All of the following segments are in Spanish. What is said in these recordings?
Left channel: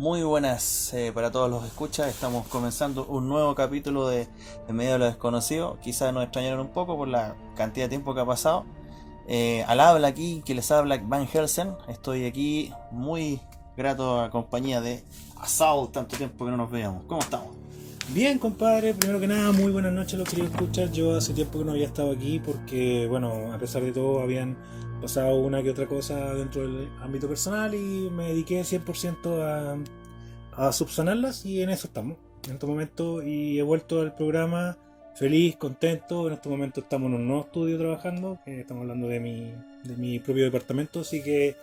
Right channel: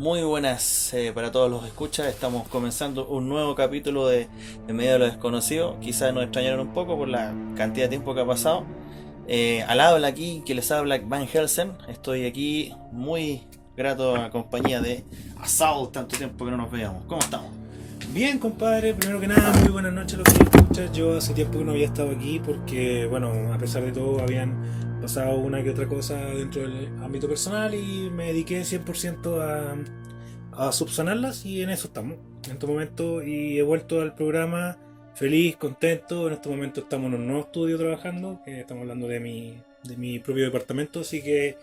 Muy buenas para todos los escuchas. Estamos comenzando un nuevo capítulo de En medio de lo desconocido. Quizás nos extrañaron un poco por la cantidad de tiempo que ha pasado. Al habla aquí, que les habla Van Helsen. Estoy aquí muy grato a compañía de Assault, tanto tiempo que no nos veíamos. ¿Cómo estamos? Bien, compadre, primero que nada, muy buenas noches a los que escuchas. Yo hace tiempo que no había estado aquí porque, bueno, a pesar de todo, habían pasado una que otra cosa dentro del ámbito personal y me dediqué 100% a subsanarlas y en eso estamos, en este momento. Y he vuelto al programa feliz, contento. En este momento estamos en un nuevo estudio trabajando, que estamos hablando de mi propio departamento, así que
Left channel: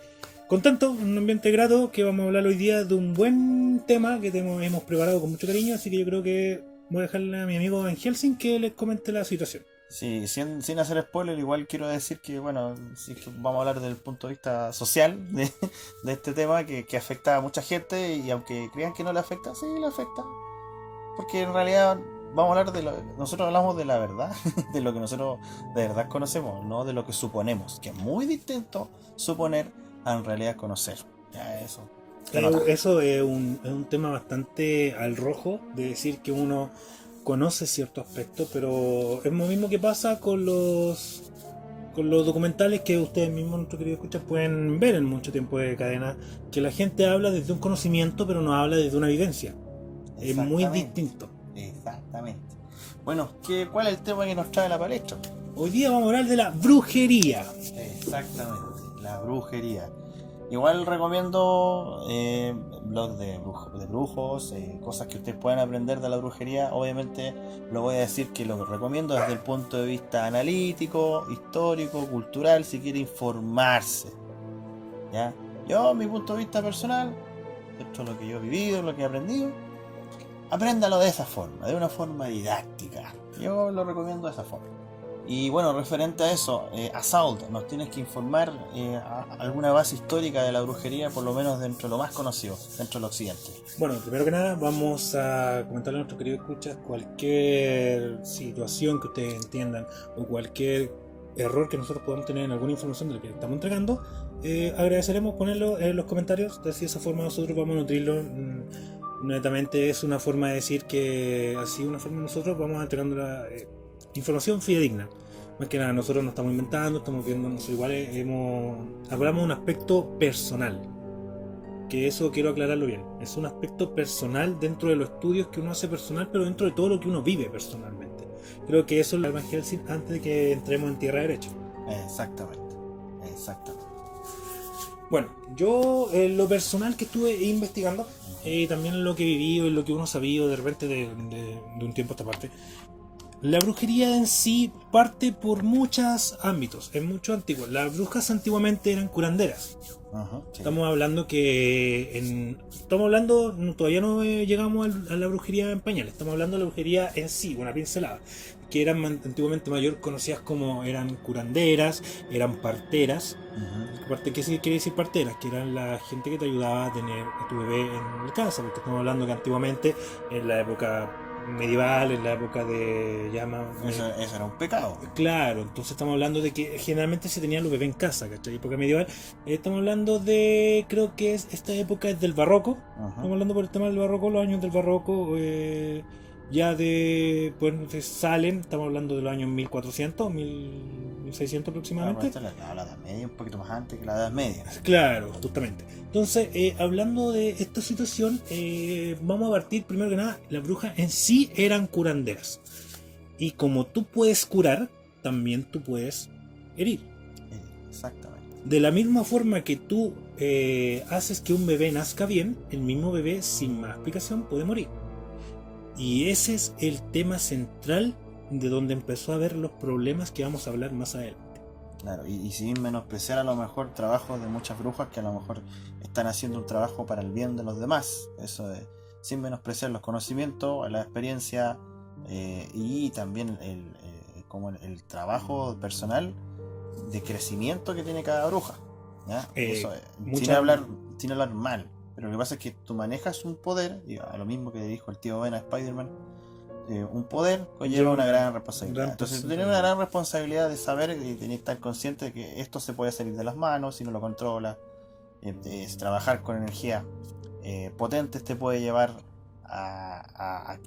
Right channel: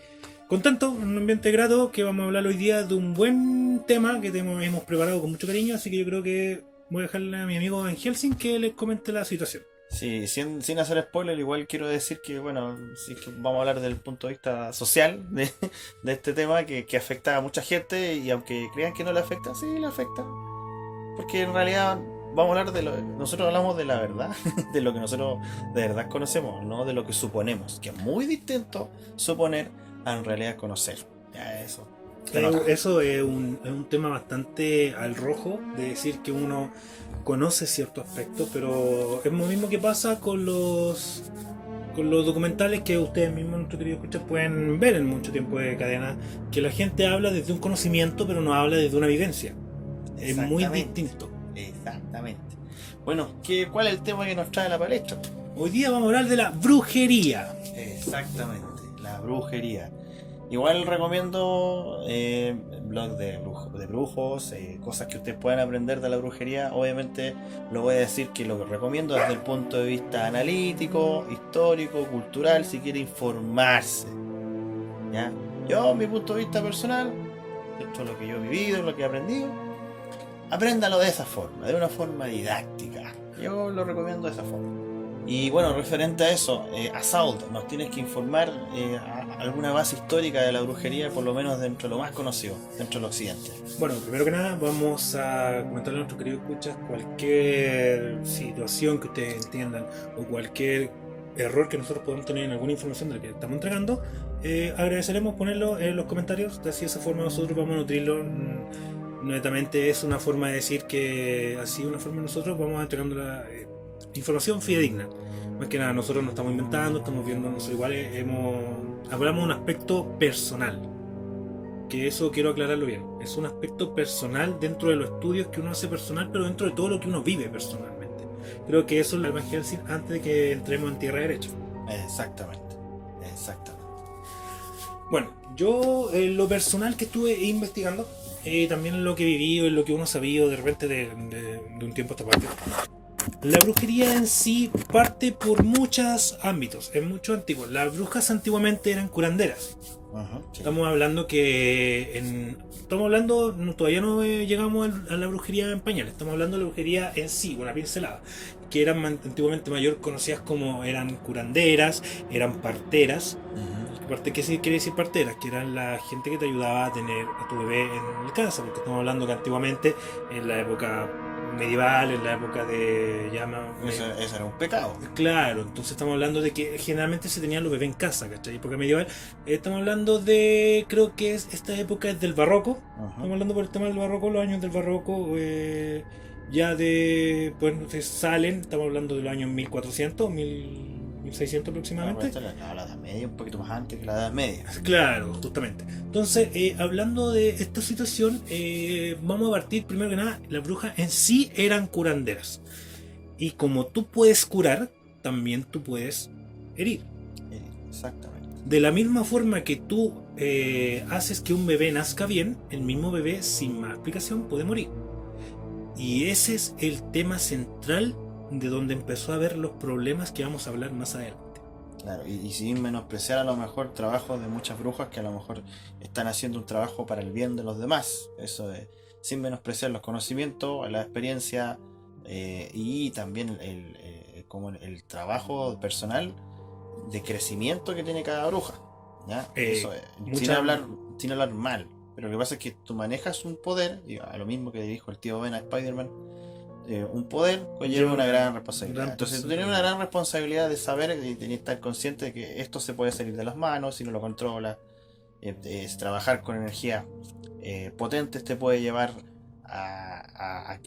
contento, en un ambiente grato, que vamos a hablar hoy día de un buen tema que hemos preparado con mucho cariño, así que yo creo que voy a dejarle a mi amigo en Helsing que les comente la situación. Sí, sin hacer spoiler, igual quiero decir que, bueno, sí que vamos a hablar del punto de vista social de este tema que afecta a mucha gente y aunque crean que no le afecta, sí le afecta. Porque en realidad vamos a hablar nosotros hablamos de la verdad, de lo que nosotros de verdad conocemos, no de lo que suponemos, que es muy distinto suponer a en realidad conocer. Ya eso se nota. Eso es un tema bastante al rojo, de decir que uno conoce ciertos aspectos, pero es lo mismo que pasa con los documentales que ustedes mismos, nuestros queridos escuchas, pueden ver en mucho tiempo de cadena, que la gente habla desde un conocimiento, pero no habla desde una vivencia. Es muy Exactamente, distinto. exactamente. Bueno, ¿cuál es el tema que nos trae la palestra? Hoy día vamos a hablar de la brujería. Exactamente, la brujería. Igual recomiendo blogs de brujos, cosas que ustedes puedan aprender de la brujería. Obviamente lo voy a decir que lo recomiendo desde el punto de vista analítico, histórico, cultural, si quiere informarse. ¿Ya? Yo, mi punto de vista personal, esto es lo que yo he vivido, lo que he aprendido, apréndalo de esa forma, de una forma didáctica. Yo lo recomiendo de esa forma. Y bueno, referente a eso, Assault, nos tienes que informar alguna base histórica de la brujería, por lo menos dentro de lo más conocido, dentro del occidente. Bueno, primero que nada vamos a comentarle a nuestros queridos escuchas cualquier situación que ustedes entiendan o cualquier error que nosotros podamos tener en alguna información de la que estamos entregando. Agradeceremos ponerlo en los comentarios, de así de esa forma nosotros vamos a nutrirlo. Netamente es una forma de decir que así una forma nosotros vamos entregando la información fidedigna. Más que nada, nosotros no estamos inventando, estamos viendo nosotros iguales, hablamos de un aspecto personal, que eso quiero aclararlo bien. Es un aspecto personal dentro de los estudios que uno hace personal, pero dentro de todo lo que uno vive personalmente. Creo que eso es la Van Helsing antes de que entremos en tierra derecha. Exactamente, exactamente. Bueno, yo en lo personal que estuve investigando, también en lo que he vivido, en lo que uno ha sabido de repente de un tiempo a esta parte, la brujería en sí parte por muchos ámbitos, es mucho antiguo. Las brujas antiguamente eran curanderas. Sí. Estamos hablando estamos hablando, todavía no llegamos a la brujería en pañales, estamos hablando de la brujería en sí, una pincelada, que eran antiguamente mayor conocidas como eran curanderas, eran parteras. Aparte, ¿qué quiere decir parteras? Que eran la gente que te ayudaba a tener a tu bebé en la casa, porque estamos hablando que antiguamente, en la época medieval, en la época de llama. Eso era un pecado. Claro, entonces estamos hablando de que generalmente se tenían los bebés en casa, ¿cachai? Época medieval. Estamos hablando de, creo que esta época es del barroco. Estamos hablando por el tema del barroco, los años del barroco. Ya pues salen, estamos hablando de los años 1400, 1600 No, pero aproximadamente. esto es la Edad Media, un poquito más antes que la Edad Media. Claro, justamente. Entonces, hablando de esta situación, vamos a partir primero que nada, las brujas en sí eran curanderas. Y como tú puedes curar, también tú puedes herir. Exactamente. De la misma forma que tú haces que un bebé nazca bien, el mismo bebé sin más explicación puede morir. Y ese es el tema central de donde empezó a haber los problemas que vamos a hablar más adelante. Claro, y sin menospreciar a lo mejor trabajos de muchas brujas que a lo mejor están haciendo un trabajo para el bien de los demás. Eso es, sin menospreciar los conocimientos, la experiencia y también como el trabajo personal de crecimiento que tiene cada bruja. ¿Ya? Eso es, Mucha, sin hablar mal. Pero lo que pasa es que tú manejas un poder, y a lo mismo que dijo el tío Ben a Spider-Man, un poder conlleva una gran responsabilidad. Entonces tú tienes una gran responsabilidad de saber y tenés que estar consciente de que esto se puede salir de las manos si no lo controlas. Es trabajar con energía potentes te puede llevar a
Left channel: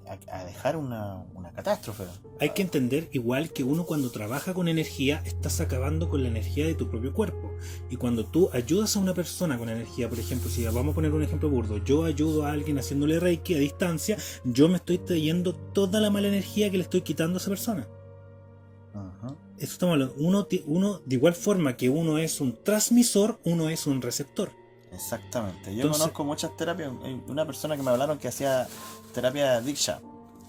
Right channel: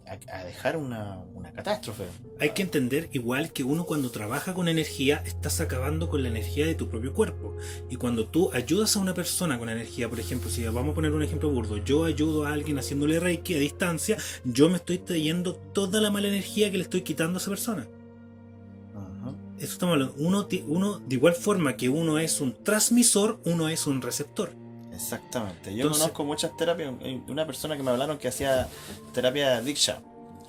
dejar una catástrofe. Hay que entender igual que uno cuando trabaja con energía estás acabando con la energía de tu propio cuerpo. Y cuando tú ayudas a una persona con energía, por ejemplo, si vamos a poner un ejemplo burdo, yo ayudo a alguien haciéndole reiki a distancia, yo me estoy trayendo toda la mala energía que le estoy quitando a esa persona. Ajá. Eso estamos hablando. Uno, de igual forma que uno es un transmisor, uno es un receptor. Exactamente. Yo Entonces, conozco muchas terapias. Hay una persona que me hablaron que hacía terapia Diksha.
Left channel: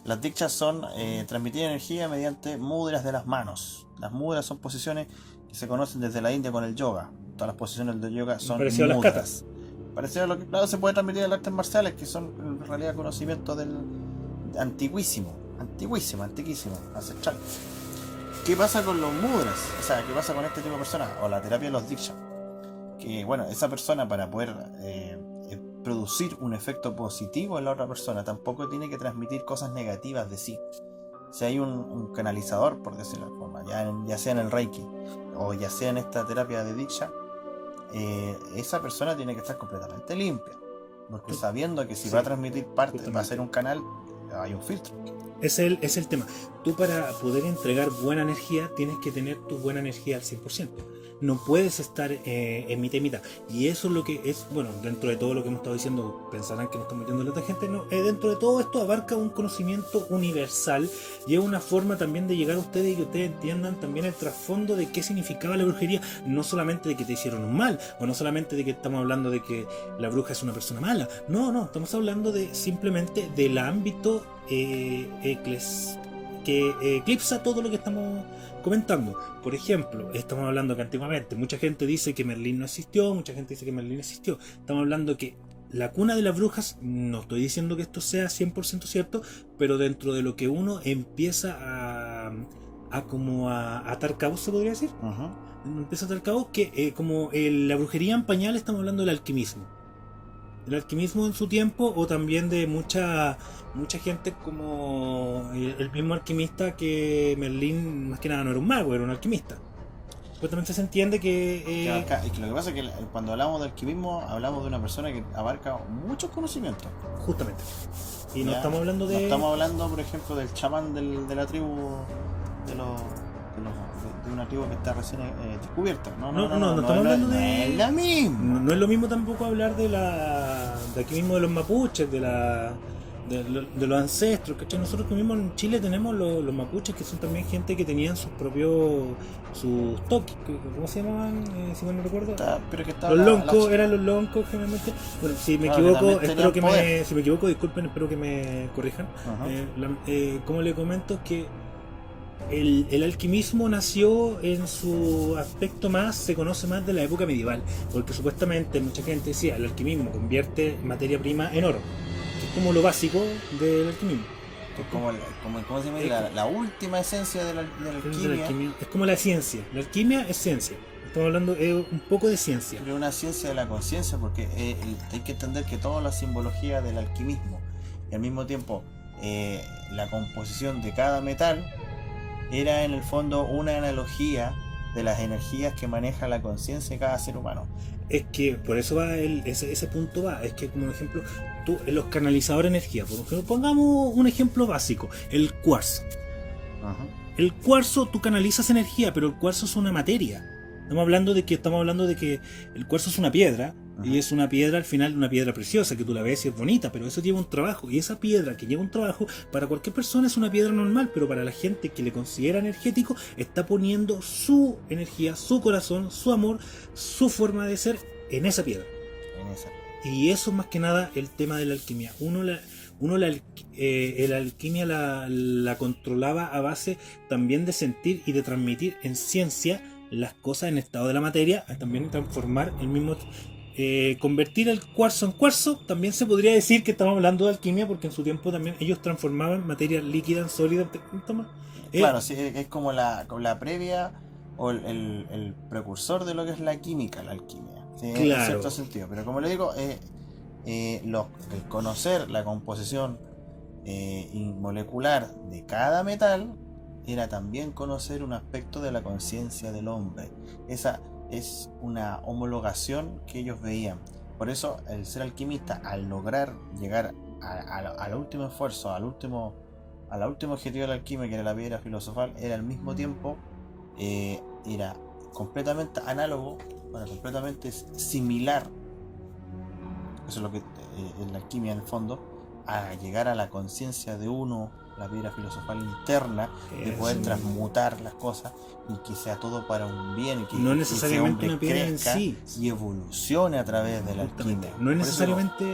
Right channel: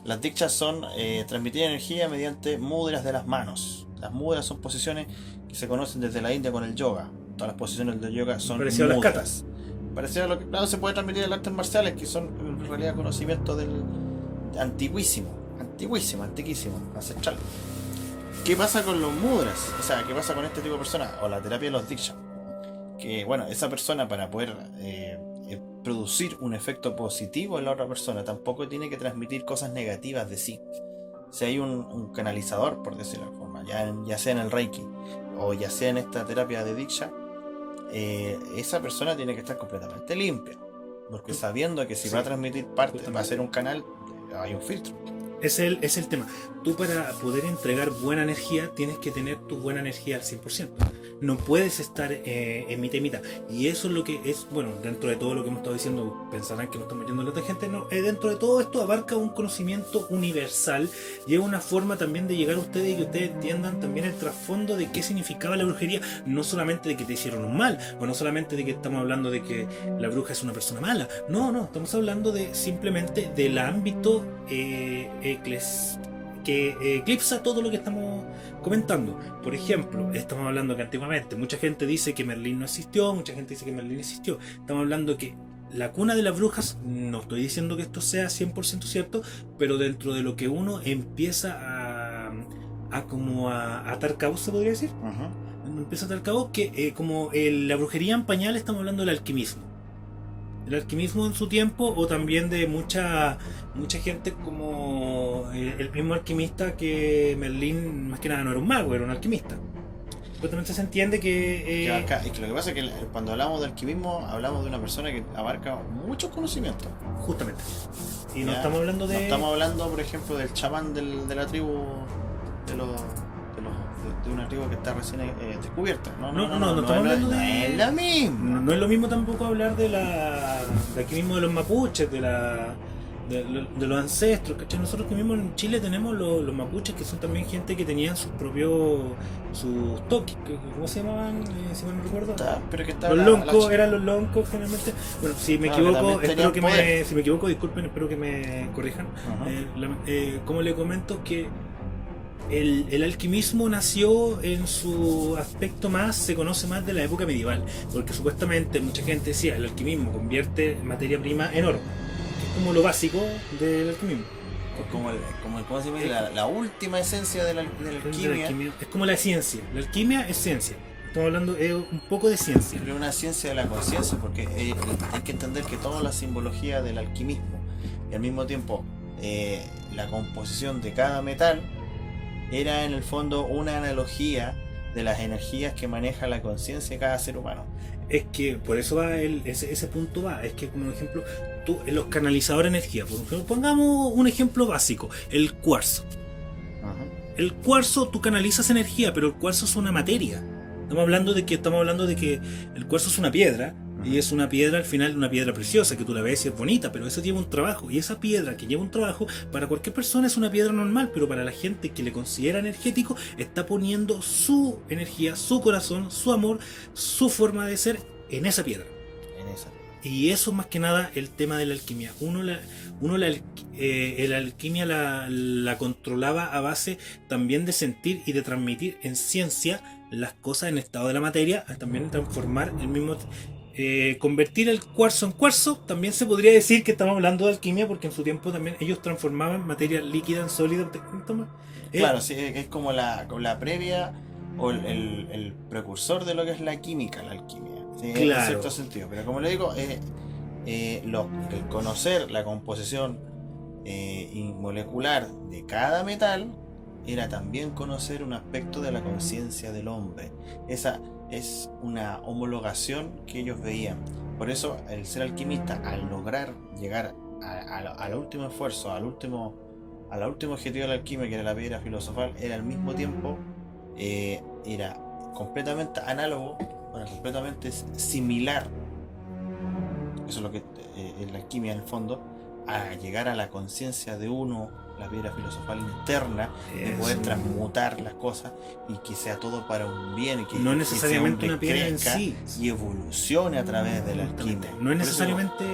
Las Dikshas son transmitir energía mediante mudras de las manos. Las mudras son posiciones que se conocen desde la India con el yoga. Todas las posiciones del yoga son parecido a las mudras. katas. Parecido a lo que, claro, se puede transmitir en las artes marciales, que son en realidad conocimientos del antiquísimo, ancestral. ¿Qué pasa con los mudras? O sea, ¿qué pasa con este tipo de personas? O la terapia de los Diksha. Que bueno, esa persona para poder producir un efecto positivo en la otra persona tampoco tiene que transmitir cosas negativas de sí. Si hay un canalizador, por decirlo de alguna forma, ya sea en el Reiki o ya sea en esta terapia de Diksha, esa persona tiene que estar completamente limpia, porque sabiendo que si va a transmitir parte, va a ser un canal, hay un filtro. Es el tema. Tú para poder entregar buena energía tienes que tener tu buena energía al 100%. No puedes estar en mitad y mitad. Y eso es lo que es, bueno, dentro de todo lo que hemos estado diciendo, pensarán que nos estamos yendo en la tangente, no, dentro de todo esto abarca un conocimiento universal y es una forma también de llegar a ustedes y que ustedes entiendan también el trasfondo de qué significaba la brujería, no solamente de que te hicieron un mal, o no solamente de que estamos hablando de que la bruja es una persona mala, no, estamos hablando de simplemente del ámbito que eclipsa todo lo que estamos comentando. Por ejemplo, estamos hablando que antiguamente mucha gente dice que Merlín no existió, mucha gente dice que Merlín existió. Estamos hablando que la cuna de las brujas, no estoy diciendo que esto sea 100% cierto, pero dentro de lo que uno empieza a atar cabos, se podría decir. Empieza a atar cabos que como la brujería en pañal, estamos hablando del alquimismo. El alquimismo en su tiempo, o también de mucha gente como el mismo alquimista, que Merlín más que nada no era un mago, era un alquimista. Pero también se entiende que... Y que lo que pasa es que cuando hablamos de alquimismo, hablamos de una persona que abarca muchos conocimientos. Justamente. Y no Ya, estamos hablando de... No estamos hablando, por ejemplo, del chamán de la tribu, de una tribu que está recién descubierta. No estamos hablando de... No es lo mismo. No es lo mismo tampoco hablar de aquí mismo de los mapuches, de los ancestros, ¿cachai? Nosotros que mismos en Chile tenemos los mapuches, que son también gente que tenían sus toques, ¿cómo se llamaban? Si mal no recuerdo. Pero que los loncos, eran los loncos generalmente. Bueno, si me equivoco, si me equivoco, disculpen, espero que me corrijan. Como le comento, que el alquimismo nació en su aspecto más, se conoce más de la época medieval, porque supuestamente mucha gente decía el alquimismo convierte materia prima en oro, que es como lo básico del alquimismo. ¿Cómo se llama? La última esencia de la alquimia. Es como la ciencia. La alquimia es ciencia. Estamos hablando un poco de ciencia. Pero una ciencia de la conciencia, porque hay que entender que toda la simbología del alquimismo y al mismo tiempo la composición de cada metal era en el fondo una analogía de las energías que maneja la conciencia de cada ser humano. Es que por eso va ese punto va. Es que, como ejemplo, tú, los canalizadores de energía, por ejemplo, pongamos un ejemplo básico, el cuarzo. El cuarzo, tú canalizas energía, pero el cuarzo es una materia. Estamos hablando de que el cuarzo es una piedra, y es una piedra, al final, una piedra preciosa, que tú la ves y es bonita, pero eso lleva un trabajo. Y esa piedra que lleva un trabajo, para cualquier persona es una piedra normal, pero para la gente que le considera energético, está poniendo su energía, su corazón, su amor, su forma de ser en esa piedra. Y eso más que nada el tema de la alquimia. La alquimia la controlaba a base también de sentir y de transmitir en ciencia las cosas en estado de la materia, también transformar el mismo... convertir el cuarzo en cuarzo, también se podría decir que estamos hablando de alquimia, porque en su tiempo también ellos transformaban materia líquida en sólida. Claro, sí, es como la previa o el precursor de lo que es la química, la alquimia, ¿sí? Claro. En cierto sentido, pero como le digo, el conocer la composición molecular de cada metal era también conocer un aspecto de la conciencia del hombre. Esa es una homologación que ellos veían. Por eso el ser alquimista, al lograr llegar al último esfuerzo, al último objetivo de la alquimia, que era la piedra filosofal, era al mismo tiempo, era completamente análogo, era completamente similar, eso es lo que es la alquimia en el fondo, a llegar a la conciencia de uno, la piedra filosofal interna, de poder transmutar las cosas y que sea todo para un bien, y que no que necesariamente ese hombre una piedra en crezca sí. y evolucione a través de la Justamente. alquimia. No es Por eso necesariamente.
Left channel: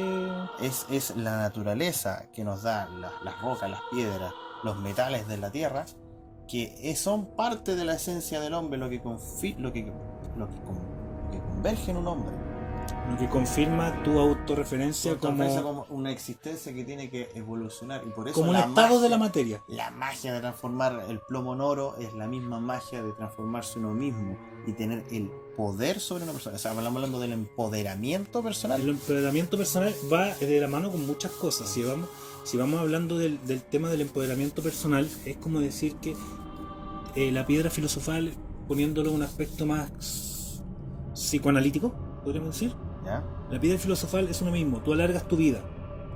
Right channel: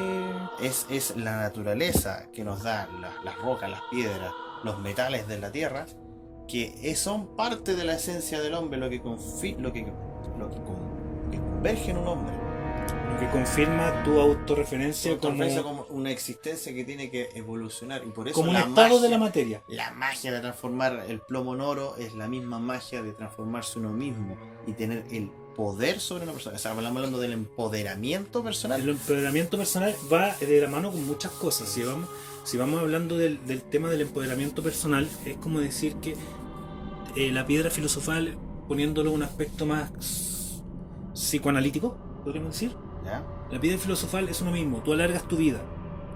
es la naturaleza que nos da las rocas, las piedras, los metales de la tierra, que son parte de la esencia del hombre, lo que converge en un hombre. Lo que confirma tu autorreferencia Como una existencia que tiene que evolucionar, y por eso como un la estado magia, de la materia. la magia de transformar el plomo en oro es la misma magia de transformarse uno mismo y tener el poder sobre una persona. O sea, estamos hablando del empoderamiento personal. El empoderamiento personal va de la mano con muchas cosas. Si vamos hablando del tema del empoderamiento personal, es como decir que la piedra filosofal, poniéndolo en un aspecto más psicoanalítico, podríamos decir, ¿Ya? la piedra filosofal es uno mismo. Tú alargas tu vida.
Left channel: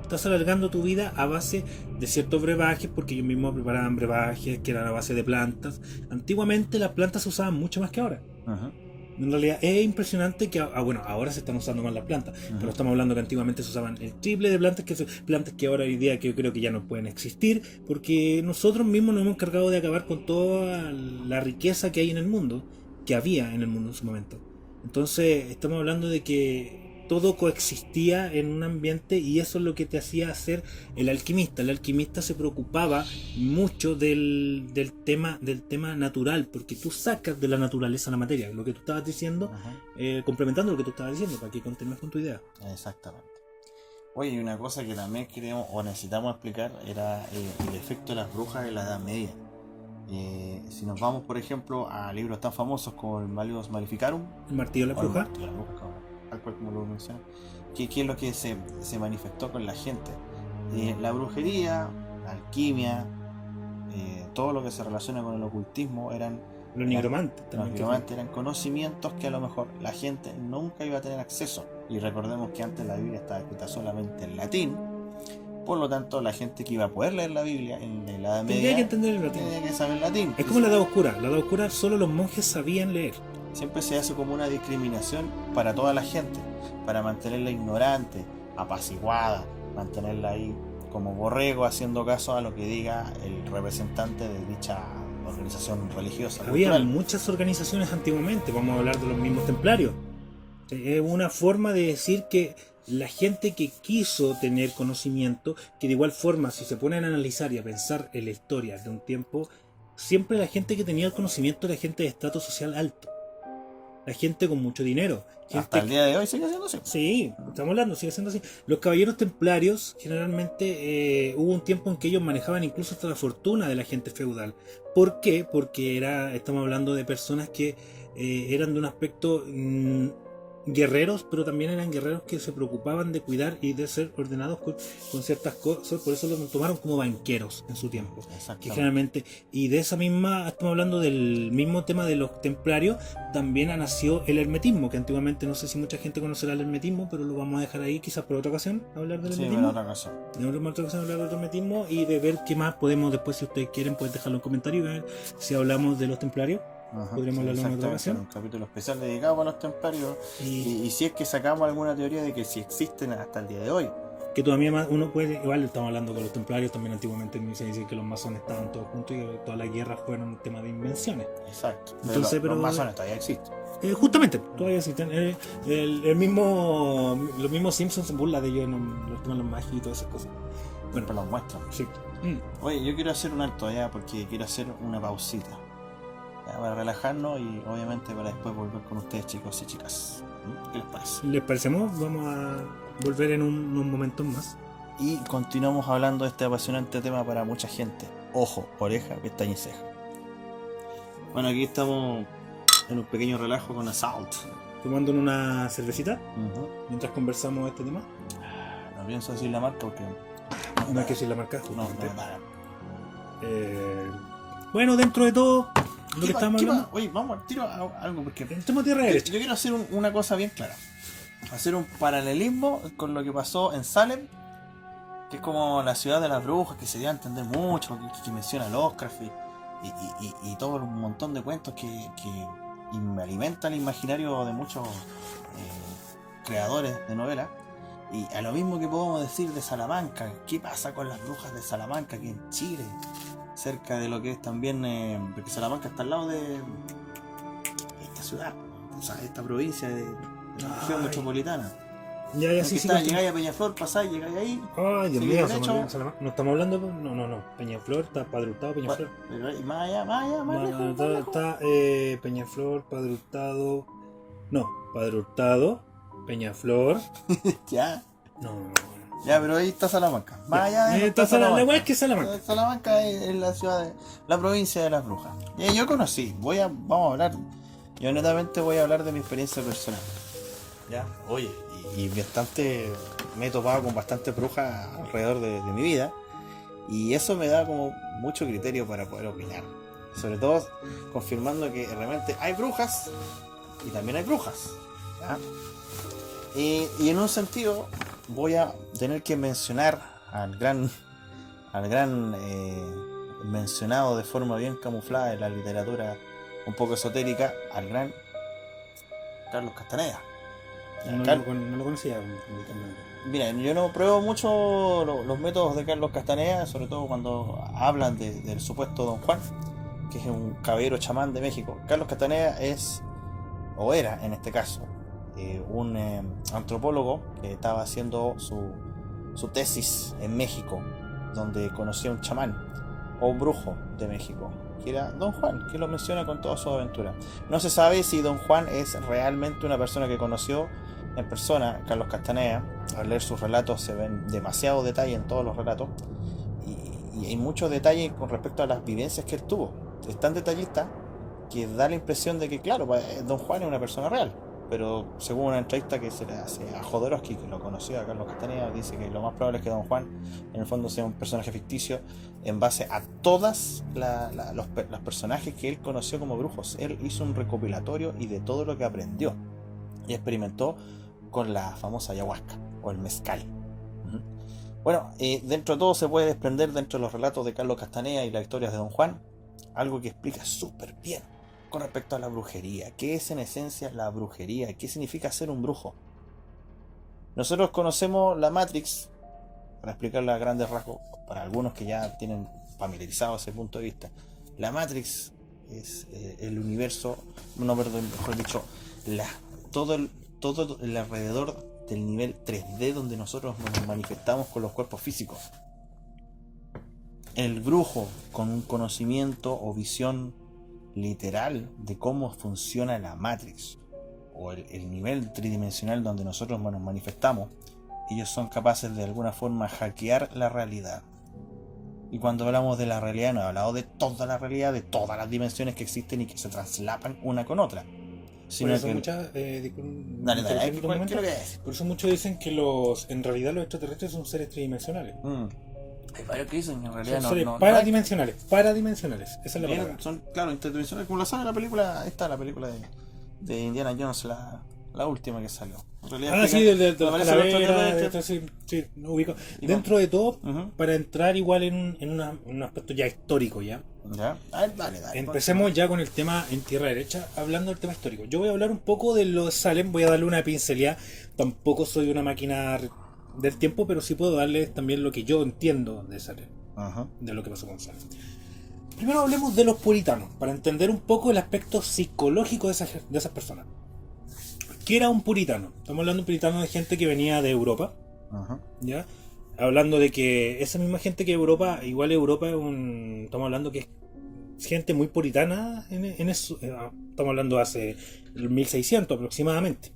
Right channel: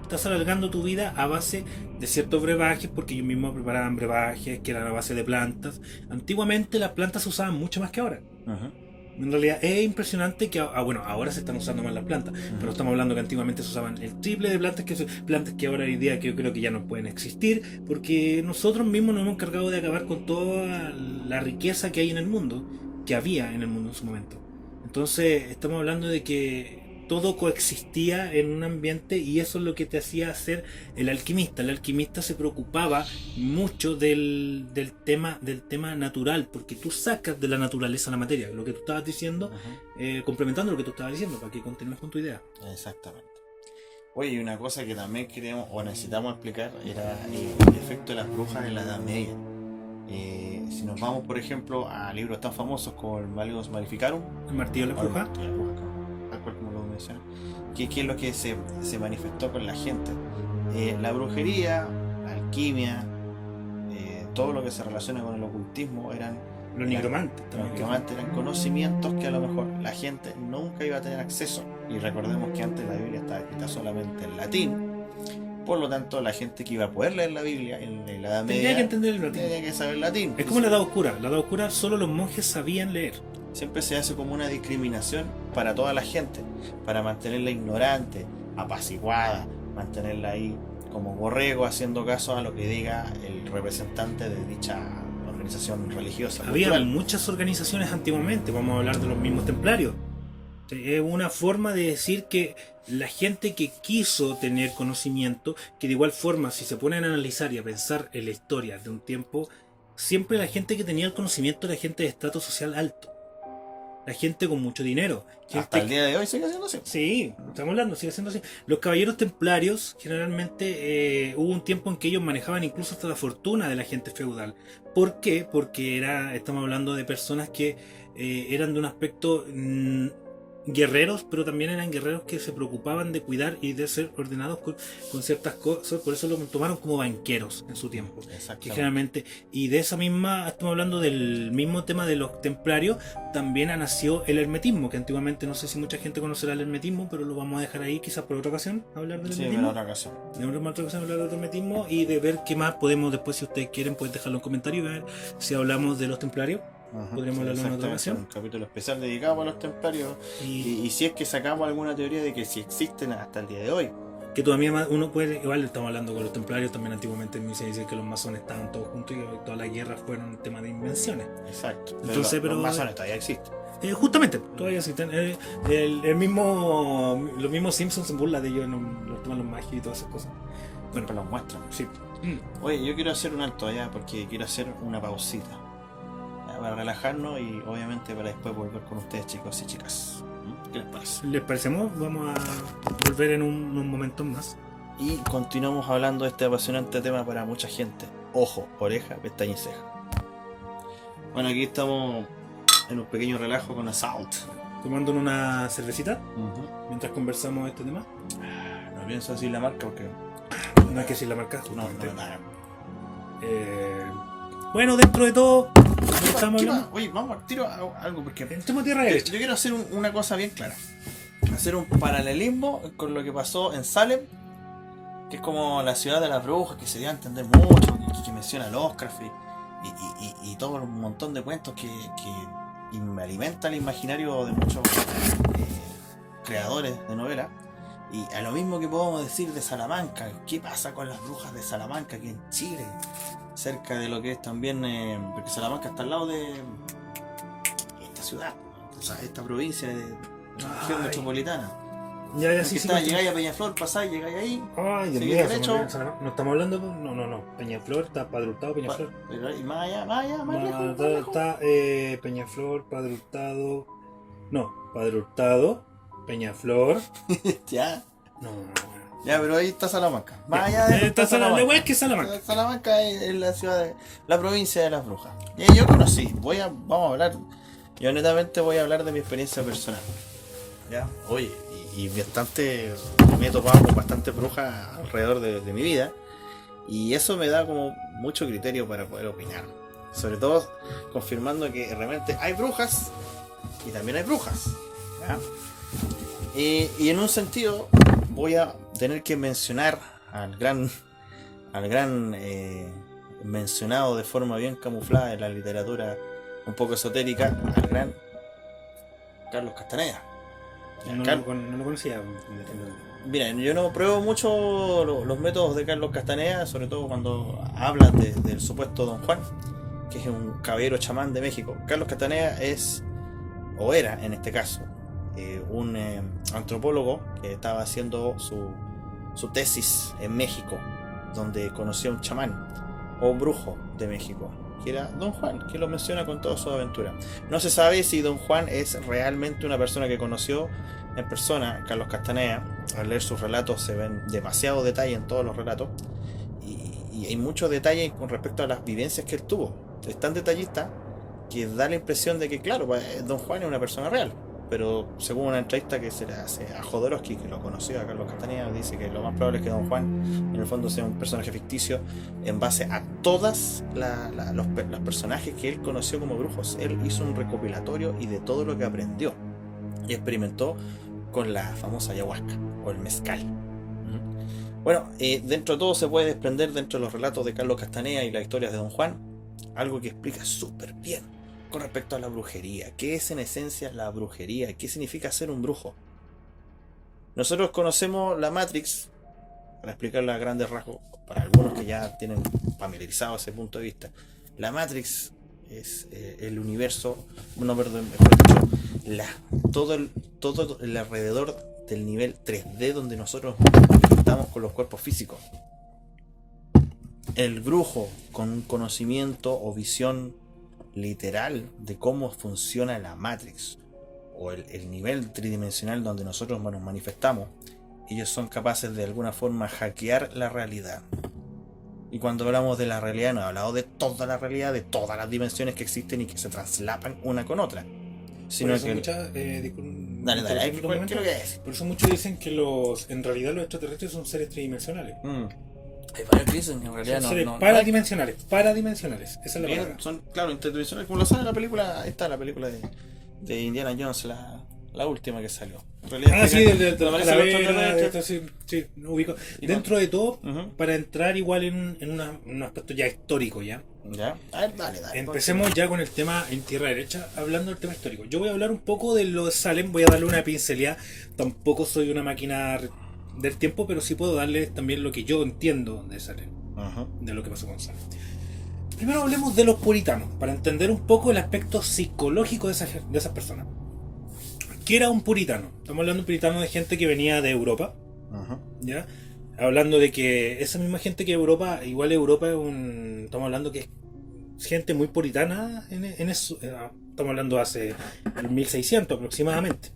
Estás alargando tu vida a base de ciertos brebajes, porque ellos mismos preparaban brebajes que eran a base de plantas. Antiguamente las plantas se usaban mucho más que ahora. Uh-huh. En realidad es impresionante que, bueno, ahora se están usando más las plantas, pero estamos hablando que antiguamente se usaban el triple de plantas que ahora hoy día que yo creo que ya no pueden existir, porque nosotros mismos nos hemos encargado de acabar con toda la riqueza que hay en el mundo, que había en el mundo en su momento. Entonces estamos hablando de que todo coexistía en un ambiente, y eso es lo que te hacía ser el alquimista. El alquimista se preocupaba mucho del tema natural, porque tú sacas de la naturaleza la materia, lo que tú estabas diciendo, complementando lo que tú estabas diciendo, para que continúes con tu idea. Exactamente. Oye, y una cosa que también queremos o necesitamos explicar era el efecto de las brujas en la Edad Media. Si nos vamos, por ejemplo, a libros tan famosos como el Malleus Maleficarum, El martillo de la bruja. Tal cual como lo menciona, ¿qué es lo que se manifestó con la gente? La brujería, la alquimia, todo lo que se relaciona con el ocultismo eran Los nigromantes los también. nigromantes eran conocimientos que a lo mejor la gente nunca iba a tener acceso. Y recordemos que antes la Biblia estaba escrita solamente en latín, por lo tanto la gente que iba a poder leer la Biblia en la Edad Tendría Media que entender el latín. tenía que saber latín. Es como la Edad Oscura. La Edad Oscura solo los monjes sabían leer. Siempre se hace como una discriminación para toda la gente, para mantenerla ignorante, apaciguada, mantenerla ahí como borrego, haciendo caso a lo que diga el representante de dicha organización religiosa. Había cultural. muchas organizaciones antiguamente, vamos a hablar de los mismos templarios. Es una forma de decir que la gente que quiso tener conocimiento, que de igual forma, si se ponen a analizar y a pensar en la historia de un tiempo, siempre la gente que tenía el conocimiento era gente de estrato social alto. La gente con mucho dinero. Hasta el día de hoy sigue siendo así. Sí, estamos hablando, sigue siendo así. Los caballeros templarios, generalmente, hubo un tiempo en que ellos manejaban incluso hasta la fortuna de la gente feudal. ¿Por qué? Porque estamos hablando de personas que eran de un aspecto guerreros, pero también eran guerreros que se preocupaban de cuidar y de ser ordenados con ciertas cosas. Por eso lo tomaron como banqueros en su tiempo. Que generalmente, y de esa misma, estamos hablando del mismo tema de los templarios, también nació el hermetismo, que antiguamente no sé si mucha gente conocerá el hermetismo, pero lo vamos a dejar ahí quizás por otra ocasión, hablar del hermetismo. en otra ocasión. En otra ocasión hablar del hermetismo y de ver qué más podemos después, si ustedes quieren, pueden dejarlo en comentarios y ver si hablamos de los templarios. Podríamos hablarlo en otra ocasión. Un capítulo especial dedicado a los templarios y si es que sacamos alguna teoría de que si existen hasta el día de hoy. Que todavía más uno puede, igual estamos hablando con los templarios, también antiguamente se dice que los masones estaban todos juntos y que todas las guerras fueron un tema de invenciones. Exacto. Entonces, los masones todavía existen. Justamente, todavía existen. Los mismos Simpsons se burlan de ellos, los toman los magios y todas esas cosas. Bueno, los muestran. Sí. Oye, yo quiero hacer un alto allá porque quiero hacer una pausita para relajarnos y obviamente para después volver con ustedes, chicos y chicas. ¿Qué les parece? ¿Les parecemos? Vamos a volver en unos momentos más. Y continuamos hablando de este apasionante tema para mucha gente. Ojo, oreja, pestaña y ceja. Bueno, aquí estamos en un pequeño relajo con Assault. Tomando una cervecita mientras conversamos de este tema. No pienso decir la marca porque... No hay que decir la marca, justamente. nada. Bueno, dentro de todo, lo que estamos hablando. Oye, vamos al tiro a algo porque... Entremos tierra derecha. Yo quiero hacer una cosa bien clara. hacer un paralelismo con lo que pasó en Salem, que es como la ciudad de las brujas, que se dio a entender mucho, que menciona Lovecraft y todo un montón de cuentos que alimenta el imaginario de muchos creadores de novelas. Y a lo mismo que podemos decir de Salamanca, ¿qué pasa con las brujas de Salamanca aquí en Chile? Cerca de lo que es también, porque Salamanca está al lado de esta ciudad, o sea, esta provincia de la región metropolitana. Ya, sí, Llegáis a Peñaflor, pasáis, llegáis ahí. Ay, Dios seguís mío, derecho. no estamos hablando, no. Peñaflor, está Padre Hurtado, Peñaflor. Y más allá, más lejos. Está Peñaflor, Padre Hurtado. No, Padre Hurtado, Peñaflor. Ya. No. Ya, pero ahí está Salamanca. Más allá de está Salamanca. La weá es que Salamanca. Salamanca es la ciudad de la provincia de las brujas. Y yo conocí, vamos a hablar. Yo netamente voy a hablar de mi experiencia personal. Ya, oye, y me he topado con bastantes brujas alrededor de mi vida. Y eso me da como mucho criterio para poder opinar. Sobre todo confirmando que realmente hay brujas y también hay brujas. ¿Ya? Y en un sentido voy a tener que mencionar al gran mencionado de forma bien camuflada en la literatura un poco esotérica, al gran Carlos Castaneda. No lo conocía. Mira, yo no pruebo mucho los métodos de Carlos Castaneda, sobre todo cuando hablan del supuesto Don Juan, que es un caballero chamán de México. Carlos Castaneda era en este caso, un antropólogo que estaba haciendo su tesis en México, donde conoció a un chamán o un brujo de México, que era Don Juan, que lo menciona con toda su aventura. No se sabe si Don Juan es realmente una persona que conoció en persona Carlos Castaneda. Al leer sus relatos se ven demasiado detalle en todos los relatos, y hay muchos detalles con respecto a las vivencias que él tuvo. Es tan detallista que da la impresión de que, claro, Don Juan es una persona real. Pero según una entrevista que se le hace a Jodorowsky, que lo conoció a Carlos Castaneda, dice que lo más probable es que Don Juan en el fondo sea un personaje ficticio en base a todas los personajes que él conoció como brujos. Él hizo un recopilatorio y de todo lo que aprendió y experimentó con la famosa ayahuasca o el mezcal. Bueno, dentro de todo se puede desprender dentro de los relatos de Carlos Castaneda y las historias de Don Juan algo que explica súper bien con respecto a la brujería. ¿Qué es en esencia la brujería? ¿Qué significa ser un brujo? Nosotros conocemos la Matrix, para explicarla a grandes rasgos, para algunos que ya tienen familiarizado ese punto de vista. La Matrix es el universo, no, perdón, mejor dicho, todo el alrededor del nivel 3D donde nosotros nos manifestamos con los cuerpos físicos. El brujo con un conocimiento o visión literal de cómo funciona la Matrix o el nivel tridimensional donde nosotros nos manifestamos, ellos son capaces de alguna forma hackear la realidad. Y cuando hablamos de la realidad, no he hablado de toda la realidad, de todas las dimensiones que existen y que se traslapan una con otra, sino que dale, ¿qué es lo que es? Por eso muchos dicen que en realidad los extraterrestres son seres tridimensionales. Hay varios que dicen que en realidad son seres paradimensionales, esa es la palabra. Son, claro, interdimensionales, como lo sabe la película, esta la película de Indiana Jones, la última que salió. En realidad, sí, sí, no ubico. Dentro de todo, para entrar igual en un aspecto ya histórico, ¿ya? Ya, a ver, dale. Empecemos ya con el tema en tierra derecha, hablando del tema histórico. Yo voy a hablar un poco de los Salem, voy a darle una pincelada. Tampoco soy una máquina del tiempo, pero sí puedo darle también lo que yo entiendo de Salem, de lo que pasó con Salem. Primero hablemos de los puritanos, para entender un poco el aspecto psicológico de esas personas. ¿Qué era un puritano? Estamos hablando de un puritano de gente que venía de Europa, ¿ya? Hablando de que esa misma gente que Europa, igual Europa estamos hablando que es gente muy puritana en eso. Estamos hablando hace el 1600 aproximadamente,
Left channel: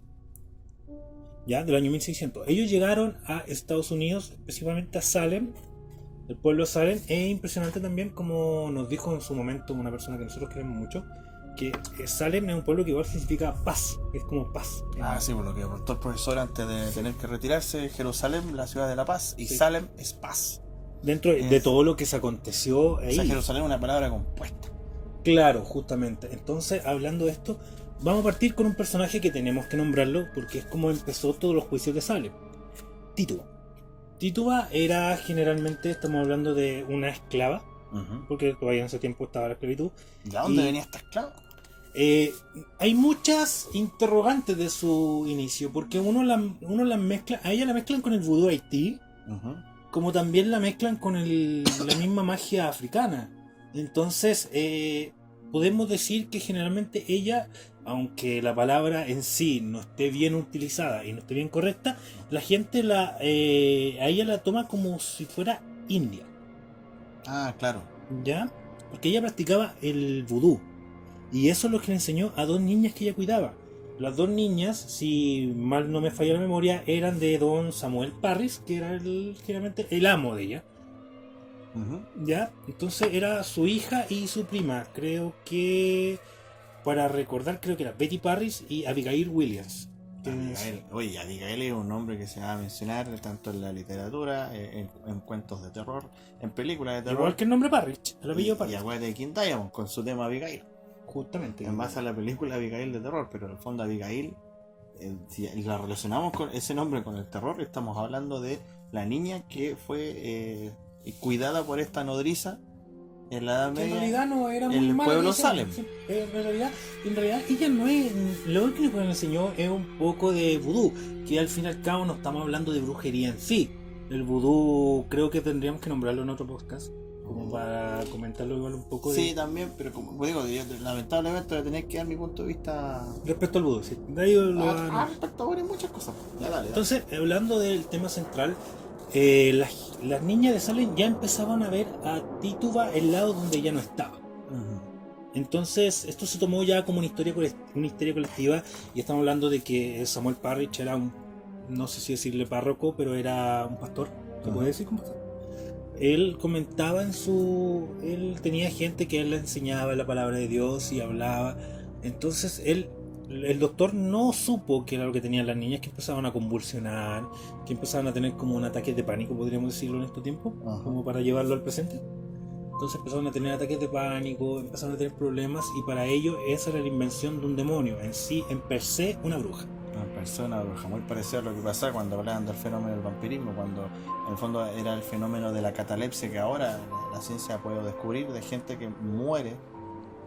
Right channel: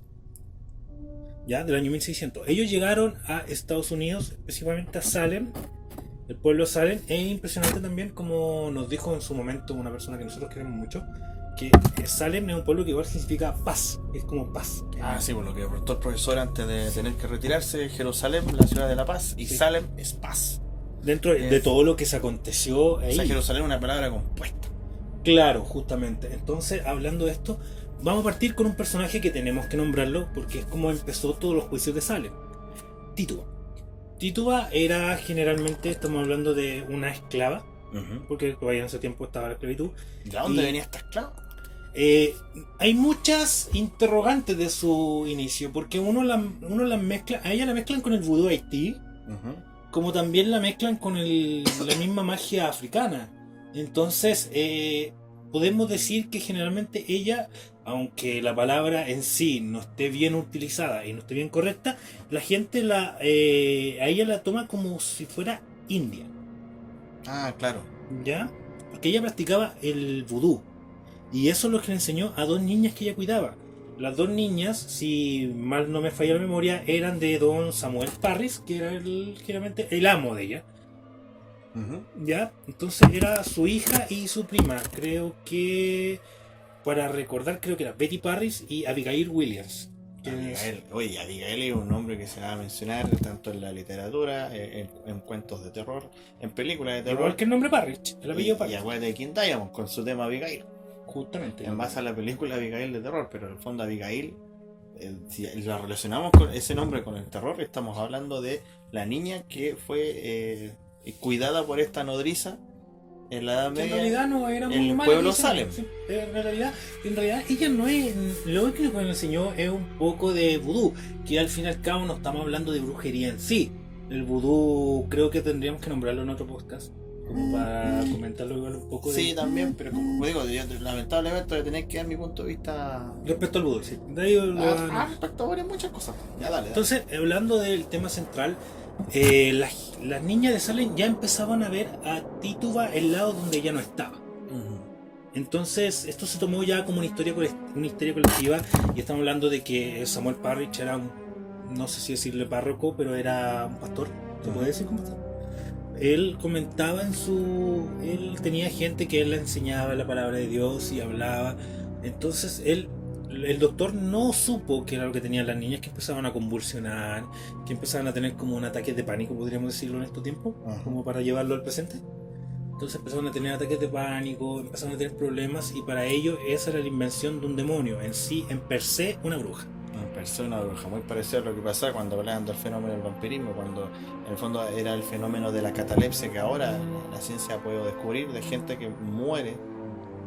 ya, del año 1600. Ellos llegaron a Estados Unidos, específicamente a Salem, el pueblo de Salem. Es impresionante también, como nos dijo en su momento una persona que nosotros queremos mucho, que Salem es un pueblo que igual significa paz, es como paz. Sí, por lo que reportó el profesor antes de tener que retirarse. Jerusalén, la ciudad de la paz, y sí. Salem es paz. Dentro de todo lo que se aconteció ahí. O sea, Jerusalén es una palabra compuesta. Claro, justamente. Entonces, hablando de esto, vamos a partir con un personaje que tenemos que nombrarlo porque es como empezó todos los juicios de Salem. Tituba. Tituba era generalmente, estamos hablando de una esclava, porque todavía en ese tiempo estaba la esclavitud. ¿De dónde venía esta esclava? Hay muchas interrogantes de su inicio, porque uno la mezcla, a ella la mezclan con el vudú Haití, como también la mezclan con la misma magia africana. Entonces, podemos decir que generalmente ella, aunque la palabra en sí no esté bien utilizada y no esté bien correcta, la gente a ella la toma como si fuera india. Ah, claro. ¿Ya? Porque ella practicaba el vudú. Y eso es lo que le enseñó a dos niñas que ella cuidaba. Las dos niñas, si mal no me falla la memoria, eran de don Samuel Parris, que era generalmente el amo de ella. ¿Ya? Entonces era su hija y su prima. Creo que, para recordar, creo que era Betty Parris y Abigail Williams. Abigail. Oye, Abigail es un nombre que se va a mencionar tanto en la literatura, en cuentos de terror, en películas de terror. Igual que el nombre Parris, el apellido Y Parris. acuérdate de King Diamond con su tema Abigail. Justamente. En base a la película Abigail de terror, pero en el fondo Abigail, si la relacionamos con ese nombre con el terror, estamos hablando de la niña que fue cuidada por esta nodriza en la Edad Que en Media. realidad no era muy el mala, pueblo sí, Salem. sí. En realidad ella no es. Lo único que le enseñó es un poco de vudú, que al fin y al cabo no estamos hablando de brujería en sí. El vudú creo que tendríamos que nombrarlo en otro podcast, como para comentarlo igual un poco. Sí, también, pero como digo, yo lamentablemente voy a tener que dar mi punto de vista Respecto al vudú, sí. De ahí respecto a muchas cosas. Ya, dale. Entonces, hablando del tema central, las niñas de Salem ya empezaban a ver a Tituba el lado donde ella no estaba. Entonces, esto se tomó ya como una historia colectiva, y estamos hablando de que Samuel Parrish era no sé si decirle párroco, pero era un pastor, ¿se puede decir como pastor? Él comentaba él tenía gente que él le enseñaba la palabra de Dios y hablaba. Entonces el doctor no supo qué era lo que tenían las niñas, que empezaban a convulsionar, que empezaban a tener como un ataque de pánico, podríamos decirlo en estos tiempos, como para llevarlo al presente. Entonces empezaron a tener ataques de pánico, empezaron a tener problemas, y para ello esa era la invención de un demonio, en sí, en per se, una bruja. Una persona bruja, muy parecido a lo que pasaba cuando hablaban del fenómeno del vampirismo, cuando en el fondo era el fenómeno de la catalepsia, que ahora la ciencia ha podido descubrir, de gente que muere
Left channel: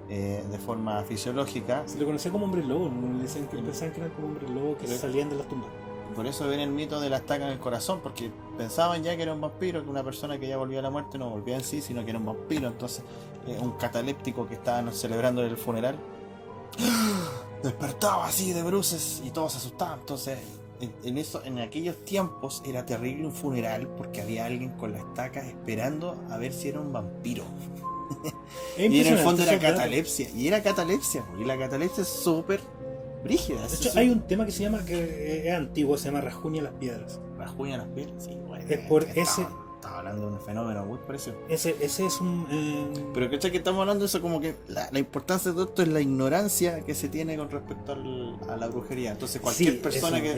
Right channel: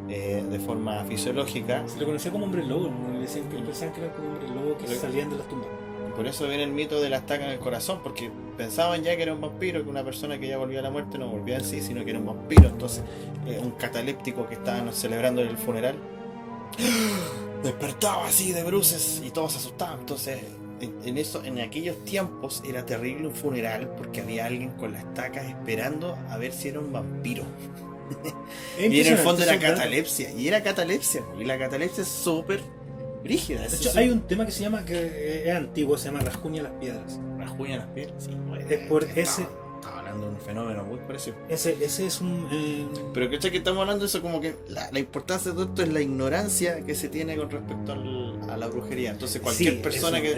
de forma fisiológica. Se le conocía como hombre lobo, ¿no? Le decían que pensaban que eran como hombres lobo que salían de las tumbas. Por eso viene el mito de la estaca en el corazón, porque pensaban ya que era un vampiro, que una persona que ya volvía a la muerte no volvía en sí, sino que era un vampiro. Entonces, un cataléptico que estaban celebrando el funeral despertaba así de bruces y todos se asustaban. Entonces, en aquellos tiempos era terrible un funeral, porque había alguien con la estaca esperando a ver si era un vampiro. Y en el fondo era catalepsia, y la catalepsia es súper brígida. De hecho, hay un tema que se llama, que es antiguo, se llama Rascuña las Piedras. Rasguña las piedras, sí, bueno, Es por ese. Estaba hablando de un fenómeno muy parecido. Ese es un. Pero que estamos hablando de eso, como que la importancia de todo esto es la ignorancia que se tiene con respecto a la brujería. Entonces, cualquier persona eso,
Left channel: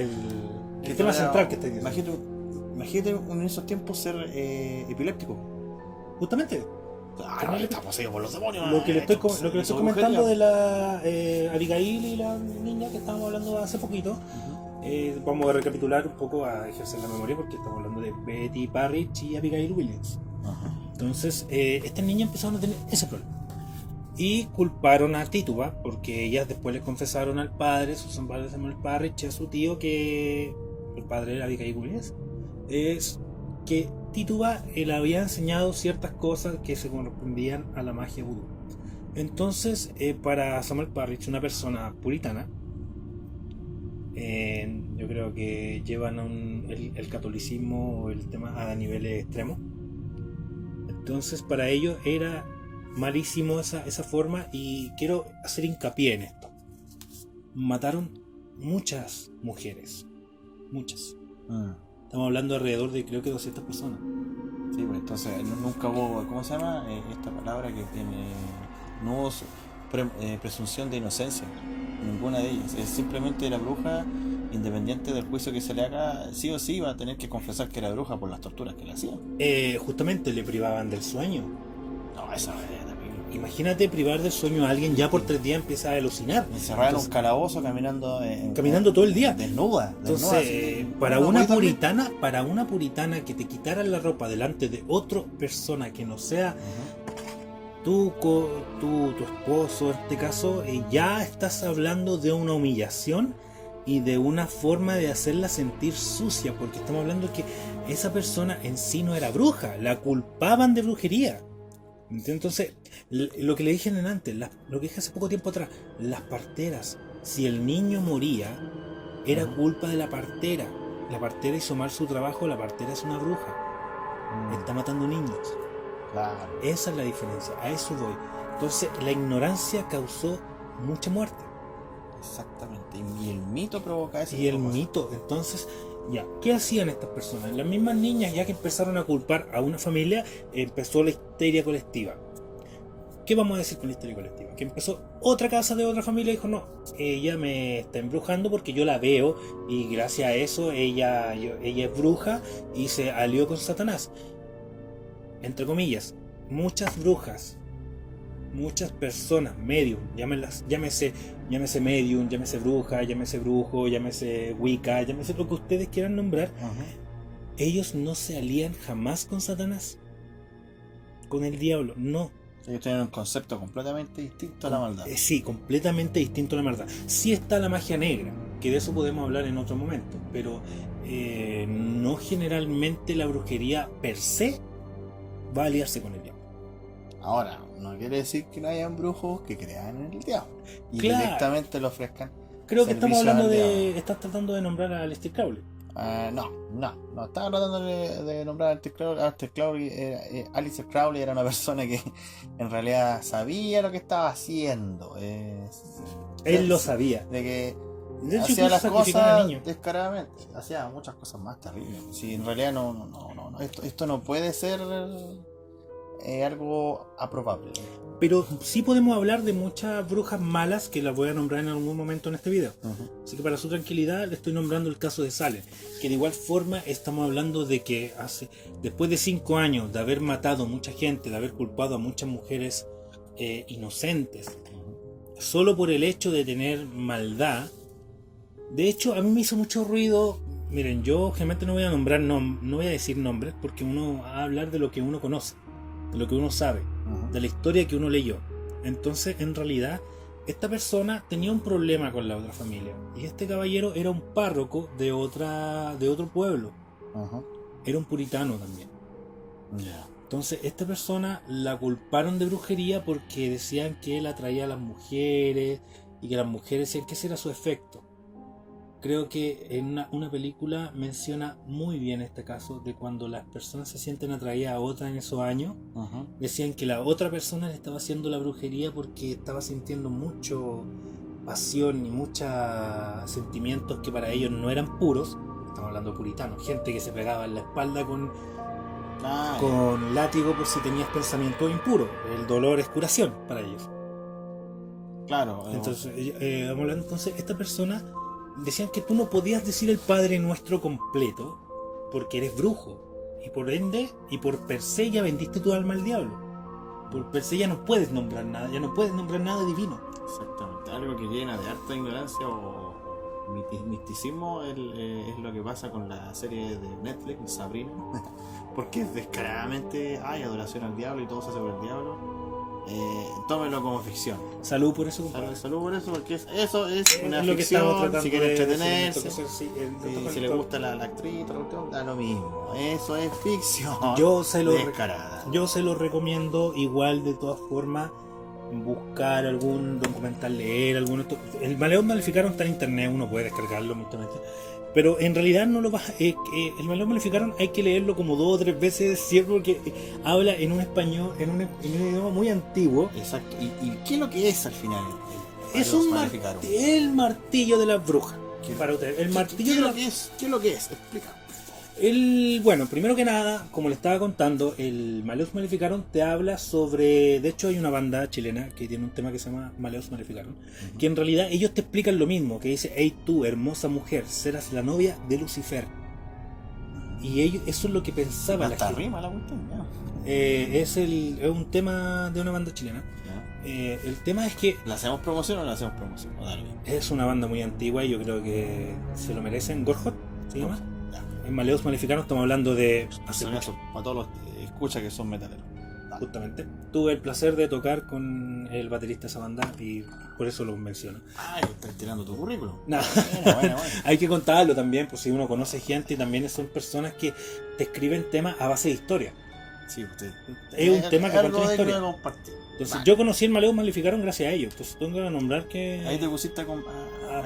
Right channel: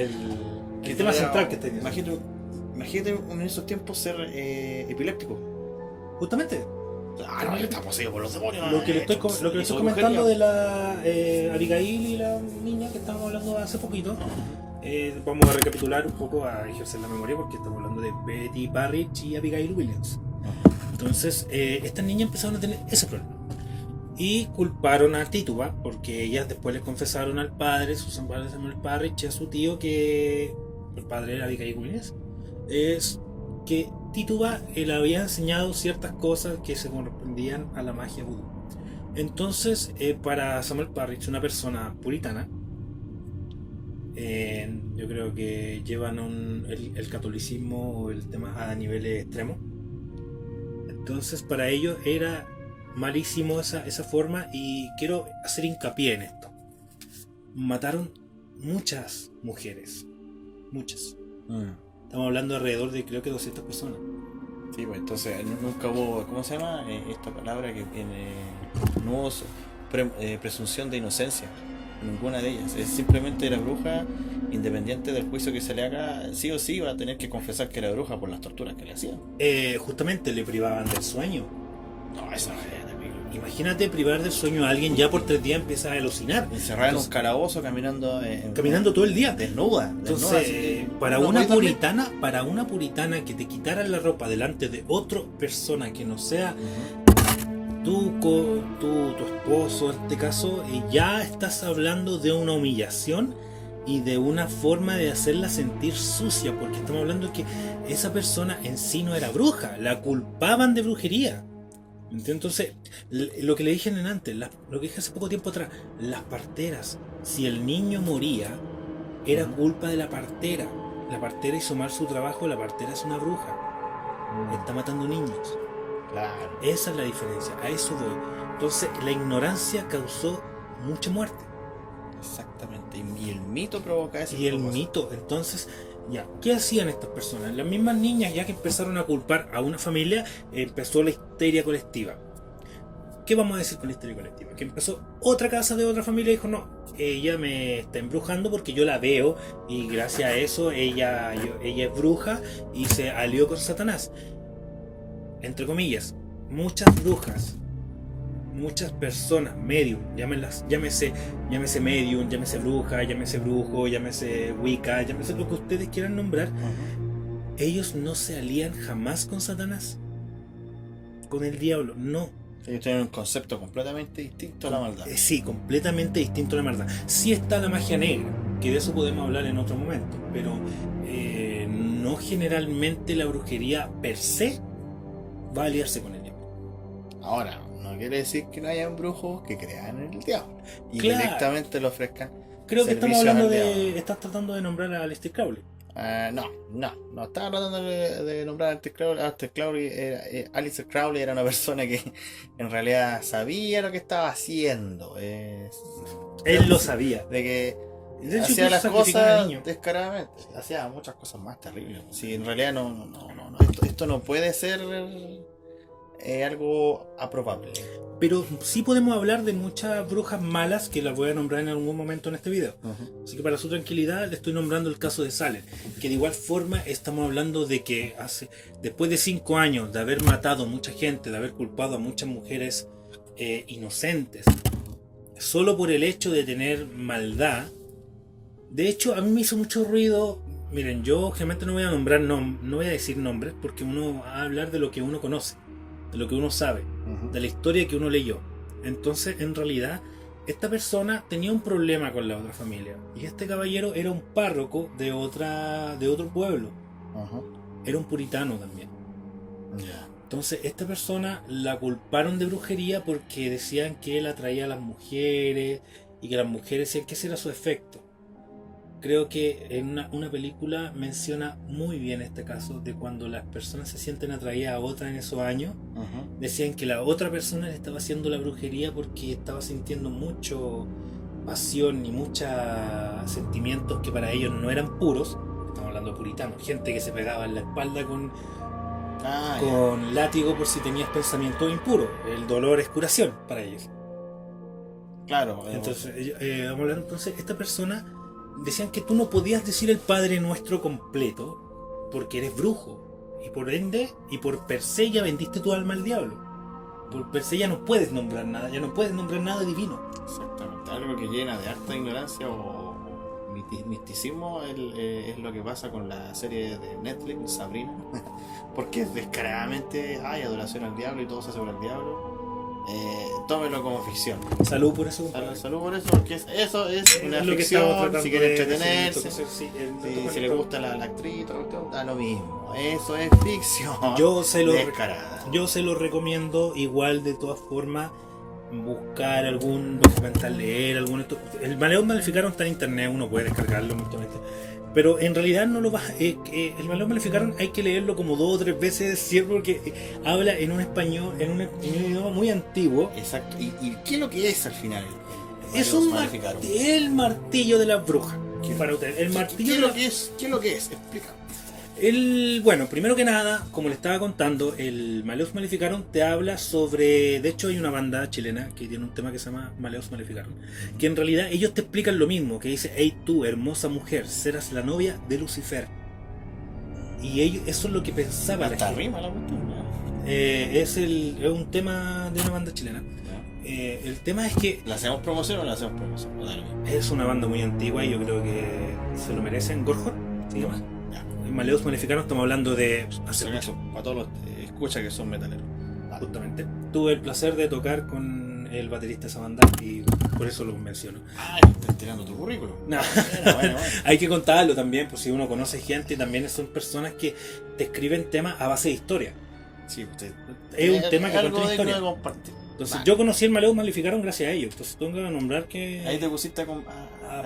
que. El tema central que está diciendo. Imagínate en esos tiempos ser epiléptico. Justamente. Claro, está poseído por los demonios. Lo que le estoy comentando de la Abigail y la niña que estábamos hablando hace poquito. Vamos a recapitular un poco, a ejercer la memoria, porque estamos hablando de Betty Parrish y Abigail Williams. Entonces, estas niñas empezaron a tener ese problema y culparon a Tituba, porque ellas después les confesaron al padre, su padre Samuel Parrish, y a su tío, que el padre era Abigail Williams, es que Tituba le había enseñado ciertas cosas que se correspondían a la magia vudú. Entonces, para Samuel Parrish, una persona puritana, yo creo que llevan el catolicismo o el tema a niveles extremos. Entonces, para ellos era malísimo esa forma, y quiero hacer hincapié en esto. Mataron muchas mujeres, muchas. Estamos hablando alrededor de, creo que 200 personas. Sí, pues entonces nunca hubo, ¿cómo se llama? Esta palabra que tiene, no hubo presunción de inocencia, ninguna de ellas. Simplemente era bruja, independiente del juicio que se le haga, sí o sí va a tener que confesar que era bruja por las torturas que le hacían. Justamente le privaban del sueño. No, eso es terrible. imagínate privar del sueño a alguien, ya por 3 días empieza a alucinar. Encerrada en un Entonces, calabozo caminando caminando todo el día. desnuda. Entonces, así, para no una podéis dormir. puritana que te quitaran la ropa delante de otra persona que no sea Ujú. tu esposo, en este caso, ya estás hablando de una humillación y de una forma de hacerla sentir sucia, porque estamos hablando de que esa persona en sí no era bruja, la culpaban de brujería. Entonces, lo que le dije antes, lo que dije hace poco tiempo atrás, las parteras, si el niño moría, era Ujú. culpa de la partera. La partera hizo mal su trabajo, la partera es una bruja, está matando niños. Claro. Esa es la diferencia, a eso voy. Entonces, la ignorancia causó mucha muerte. Exactamente. Y el mito provoca ese Y el tipo de cosas. mito, entonces, ya, ¿qué hacían estas personas? Las mismas niñas, ya que empezaron a culpar a una familia, empezó la histeria colectiva. ¿Qué vamos a decir con la histeria colectiva? Que empezó otra casa de otra familia y dijo, no, ella me está embrujando porque yo la veo y gracias a eso ella es bruja y se alió con Satanás. Entre comillas, muchas brujas, muchas personas, medium, llámese medium, llámese bruja, llámese brujo, llámese wicca, llámese lo que ustedes quieran nombrar, Ujú. ellos no se alían jamás con Satanás, con el diablo, no. Ellos tienen un concepto completamente distinto a la maldad. Sí, completamente distinto a la maldad. Sí está la magia negra, que de eso podemos hablar en otro momento, pero no generalmente la brujería per se va a aliarse con el diablo. Ahora, no quiere decir que no hayan brujos que crean en el diablo y Claro. directamente le ofrezcan Creo que estamos servicios hablando al de... diablo. Estás tratando de nombrar a Aleister Crowley. No estaba tratando de nombrar a Aleister Crowley. Aleister Crowley era una persona que en realidad sabía lo que estaba haciendo. Él lo sabía. De que De hecho, hacía incluso las sacrificaba a cosas niños. descaradamente. Hacía muchas cosas más terribles. Si en realidad no. Esto no puede ser algo aprobable. Pero sí podemos hablar de muchas brujas malas que las voy a nombrar en algún momento en este video. Ujú. Así que para su tranquilidad le estoy nombrando el caso de Salem, que de igual forma estamos hablando de que después de 5 años de haber matado a mucha gente, de haber culpado a muchas mujeres inocentes, solo por el hecho de tener maldad. De hecho, a mí me hizo mucho ruido. Miren, yo generalmente no voy a nombrar no voy a decir nombres porque uno va a hablar de lo que uno conoce, de lo que uno sabe, Ujú. de la historia que uno leyó. Entonces, en realidad, esta persona tenía un problema con la otra familia. Y este caballero era un párroco de otro pueblo. Ujú. Era un puritano también. Ya. Entonces, esta persona la culparon de brujería porque decían que él atraía a las mujeres y que las mujeres decían que ese era su efecto. Creo que en una película menciona muy bien este caso de cuando las personas se sienten atraídas a otra en esos años. Ujú. Decían que la otra persona le estaba haciendo la brujería porque estaba sintiendo mucho pasión y muchos sentimientos que para ellos no eran puros. Estamos hablando de puritanos, gente que se pegaba en la espalda con Ya. látigo por si tenías pensamiento impuro. El dolor es curación para ellos. Claro. Entonces, vamos a hablar entonces, esta persona decían que tú no podías decir el Padre Nuestro completo porque eres brujo y por ende y por per se ya vendiste tu alma al diablo. Por per se ya no puedes nombrar nada, ya no puedes nombrar nada divino. Exactamente. Algo que llena de harta ignorancia o misticismo es lo que pasa con la serie de Netflix, Sabrina. Porque descaradamente hay adoración al diablo y todo se hace por el diablo. Tómelo como ficción. Salud por eso, compadre. Salud por eso, porque eso es una Es lo que estamos ficción. tratando Si quiere de entretenerse, decir, sí, si le gusta la actriz, da lo mismo. Eso es ficción. Yo se lo descarada. Yo se lo recomiendo igual de todas formas. Buscar algún documental, leer algún... El Maleón Maleficaron está en internet, uno puede descargarlo mutuamente. Pero en realidad no lo vas... el Maleón Maleficaron hay que leerlo como 2 o 3 veces siempre porque habla en un español, en un idioma muy antiguo. Exacto. ¿Y qué es lo que es al final? Es el martillo de las brujas. Para usted, el martillo de las... ¿Qué es lo que es? Explica. Bueno, primero que nada, como le estaba contando, el Maleus Maleficaron te habla sobre... De hecho hay una banda chilena que tiene un tema que se llama Maleus Maleficaron, que en realidad ellos te explican lo mismo, que dice: hey tú, hermosa mujer, serás la novia de Lucifer. Y ellos, eso es lo que pensaba la Hasta gente. rima la cuestión, ¿no? es un tema de una banda chilena. El tema es que ¿La hacemos promoción o no la hacemos promoción? No da lo mismo. es una banda muy antigua y yo creo que se lo merecen. Gorhot, ¿se llama? Ya. En Maleus Maleficanos estamos hablando de hace Por eso, para todos los escucha que son metaleros. justamente. Tuve el placer de tocar con el baterista de esa banda y por eso lo menciono. Ah, estás tirando tu currículum. Nah. Bueno. Hay que contarlo también, pues si uno conoce gente y también son personas que te escriben temas a base de historia. Sí, usted. Es un tema que algo cuenta una de historia. que compartir. Entonces Vale. yo conocí el Maleus Maleficaron gracias a ellos. Entonces tengo que nombrar que... Ahí te pusiste a por-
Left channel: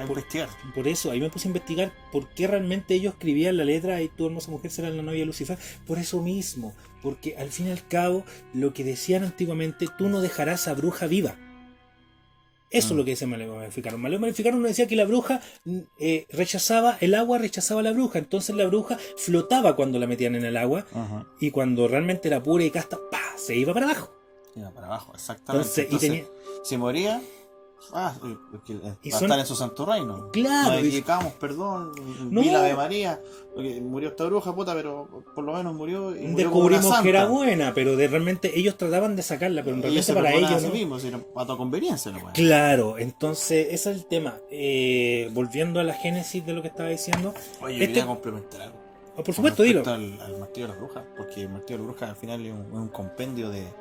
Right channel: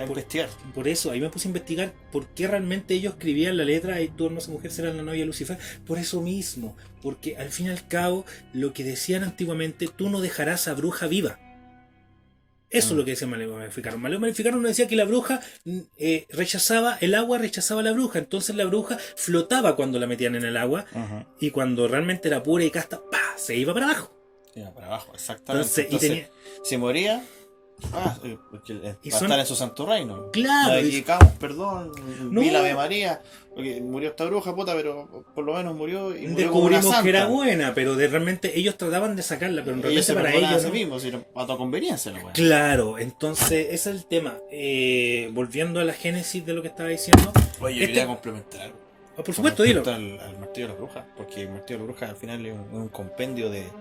investigar. Por eso, ahí me puse a investigar por qué realmente ellos escribían la letra y tu hermosa mujer será la novia de Lucifer. Por eso mismo, porque al fin y al cabo, lo que decían antiguamente, tú no dejarás a bruja viva. Eso es lo que decía Maleus Maleficaron. Maleus Maleficaron nos decía que la bruja rechazaba el agua, rechazaba a la bruja. Entonces la bruja flotaba cuando la metían en el agua Ajá. y cuando realmente era pura y casta, ¡pah!, se iba para abajo. Iba para abajo, exactamente. Entonces, si moría, porque va Y a son- estar en su santo reino. Claro, Nos y- dedicamos, perdón, No. vi la Ave María, porque murió esta bruja, puta, pero por lo menos murió y murió como una descubrimos santa. que era buena, pero realmente ellos trataban de sacarla, pero en Ellos realmente se para perdonaban ellos a no. sí mismos, sino a tu conveniencia, la weá. Claro, entonces ese es el tema. Volviendo a la génesis de lo que estaba diciendo. Oye, Este- quería complementar algo. Por supuesto, dilo. Con respecto al martillo de la bruja, porque el martillo de la bruja al final es un compendio de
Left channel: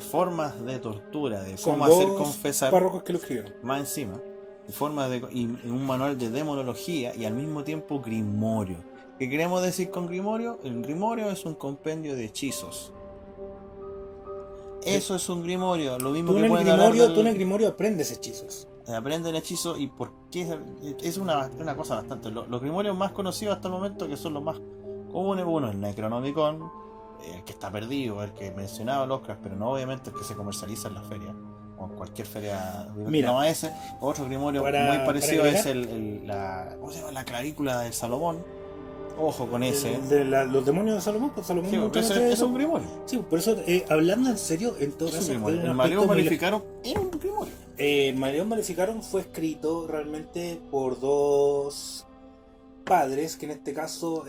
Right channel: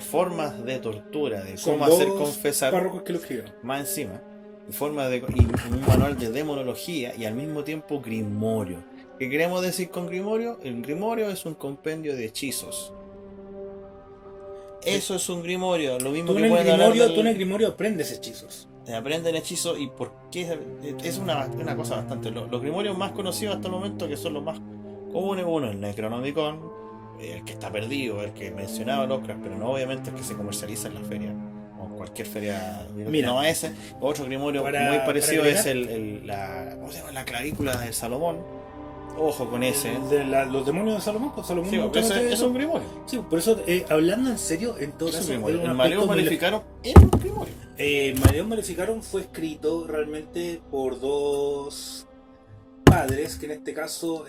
formas de tortura, de Son cómo hacer dos confesar. párrocos que lo escribieron. Más encima, y un manual de demonología y al mismo tiempo grimorio. ¿Qué queremos decir con grimorio? El grimorio es un compendio de hechizos. Eso es un grimorio, lo mismo Tú que en, el pueden hablar grimorio, del- tú en el grimorio aprendes hechizos. aprenden hechizos y por qué es una cosa bastante. Los grimorios más conocidos hasta el momento, que son los más comunes, uno el Necronomicon, el que está perdido, el que mencionaba Lovecraft, pero no obviamente el que se comercializa en la feria o en cualquier feria. Mira, no ese. Otro grimorio para- muy parecido para es ¿cómo se llama? La clavícula de Salomón. Ojo con ese. Los demonios de Salomón, pues Salomón Sí, nunca eso hacía es eso. un grimorio. Sí, por eso, hablando en serio, en todo Es un caso, grimorio. era un El aspecto Maleus muy- Maleficarum era un grimorio. Maleus Maleficarum fue escrito realmente por dos padres, que en este caso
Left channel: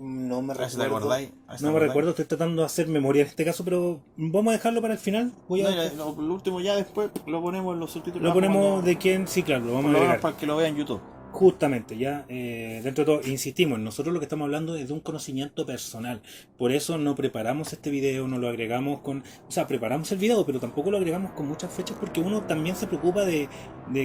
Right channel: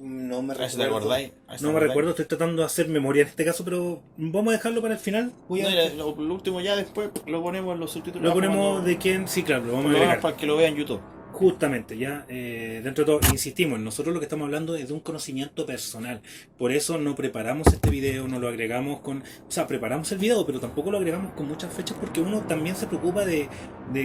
no me A ver si te recuerdo. acordáis. A ver si te No me acordáis. recuerdo, estoy tratando de hacer memoria en este caso, pero vamos a dejarlo para el final. Voy a, No, ya, lo último ya después lo ponemos en los subtítulos. lo ponemos cuando- de quién, sí, claro, lo vamos por a lo menos agregar. para que lo vean en YouTube. Justamente, ya dentro de todo, insistimos, nosotros lo que estamos hablando es de un conocimiento personal. Por eso no preparamos este video, no lo agregamos con... O sea, preparamos el video, pero tampoco lo agregamos con muchas fechas porque uno también se preocupa de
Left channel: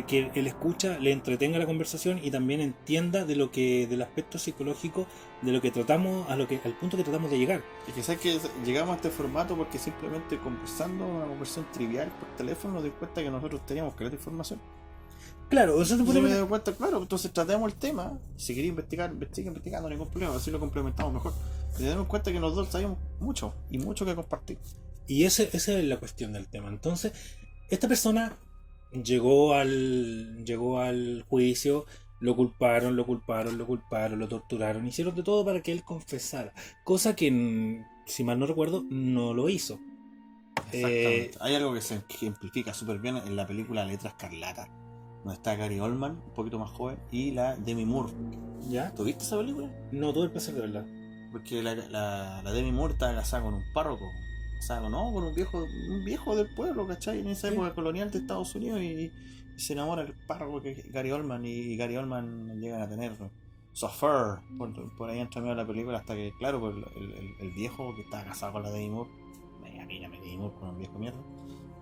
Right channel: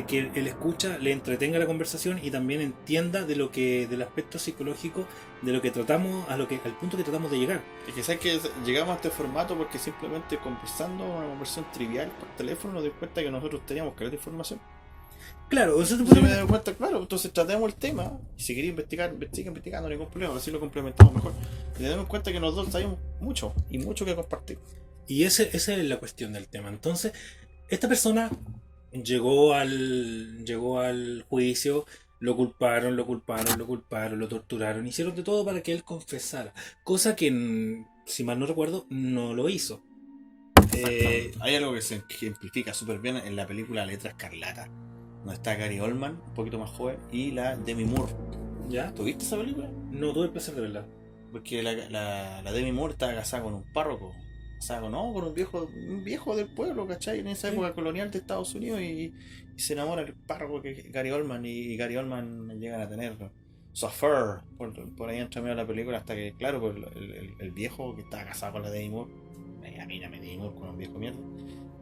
que el escucha le entretenga la conversación y también entienda del aspecto psicológico de lo que tratamos, al punto que tratamos de llegar. Y que sabes que llegamos a este formato porque simplemente conversando una conversación trivial por teléfono nos dimos cuenta que nosotros teníamos que ver información. Claro, eso Y me doy cuenta, claro, entonces tratemos el tema. Y si queréis investigar, investigando, no hay ningún problema, así lo complementamos mejor. Y nos damos cuenta que los dos sabemos mucho y mucho que compartir. Y esa es la cuestión del tema. Entonces, esta persona llegó al juicio, lo culparon, lo torturaron, hicieron de todo para que él confesara. Cosa que, si mal no recuerdo, no lo hizo. Hay algo que se ejemplifica súper bien en la película Letra Escarlata, donde está Gary Oldman, un poquito más joven, y la Demi Moore. ¿Ya? ¿Tuviste esa película? No tuve el placer de verla. Porque la Demi Moore estaba casada con un párroco. Casada con un viejo del pueblo, ¿cachai? En esa Sí. época colonial de Estados Unidos y se enamora el párroco que es Gary Oldman y Gary Oldman llegan a tener su affair por ahí entre medio de la película hasta que, claro, pues el viejo que estaba casado con la Demi Moore, mírame Demi Moore con un viejo mierda.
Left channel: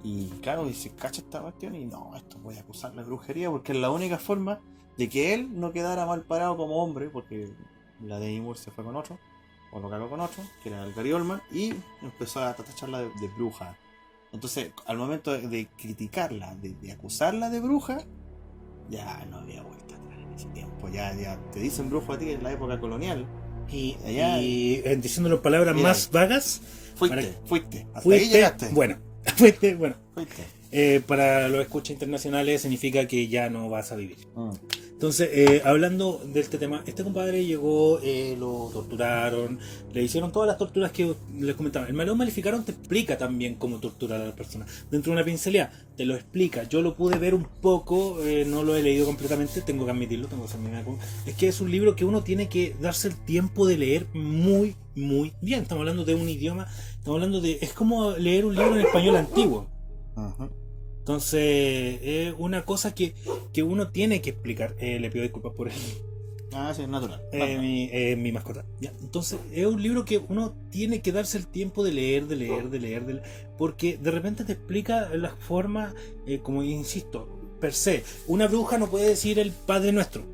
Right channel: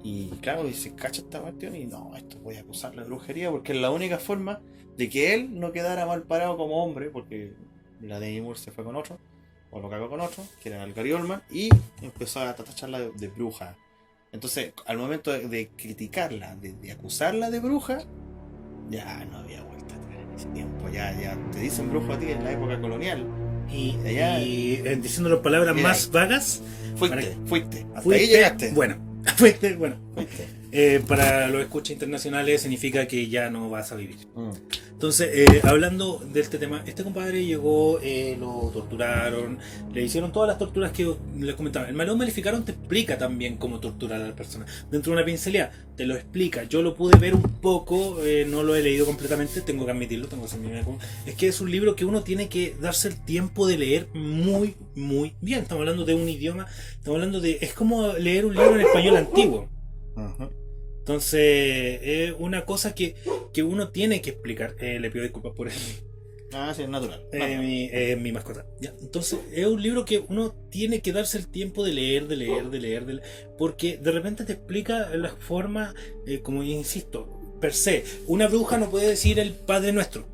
Y claro, y se cacha esta cuestión y no, esto voy a acusarlo de brujería porque es la única forma de que él no quedara mal parado como hombre, porque la Demi Moore se fue con otro, o lo cagó con otro, que era el Gary Oldman, y empezó a tacharla de bruja. Entonces, al momento de criticarla, de acusarla de bruja, ya no había vuelta atrás en ese tiempo. Ya te dicen brujo a ti en la época colonial. Y Allá- diciéndolo en palabras Mira más ahí. vagas, Fuiste. Hasta ahí fuiste, llegaste. bueno. Fuiste. Para los escuchas internacionales significa que ya no vas a vivir. Mm. Entonces, hablando de este tema, este compadre llegó, lo torturaron, le hicieron todas las torturas que les comentaba. El Maleus Maleficarum te explica también cómo torturar a las personas. Dentro de una pincelada, te lo explica. Yo lo pude ver un poco, no lo he leído completamente, tengo que admitirlo, tengo que ser mi es que es un libro que uno tiene que darse el tiempo de leer muy muy bien. Estamos hablando de un idioma, es como leer un libro en español antiguo. Ujú. Entonces, es una cosa que uno tiene que explicar. Le pido disculpas por Ah, sí, es natural. Normal. mi mascota. Ya, entonces, es un libro que uno tiene que darse el tiempo de leer, porque de repente te explica la forma, como insisto, per se. Una bruja no puede decir el Padre Nuestro.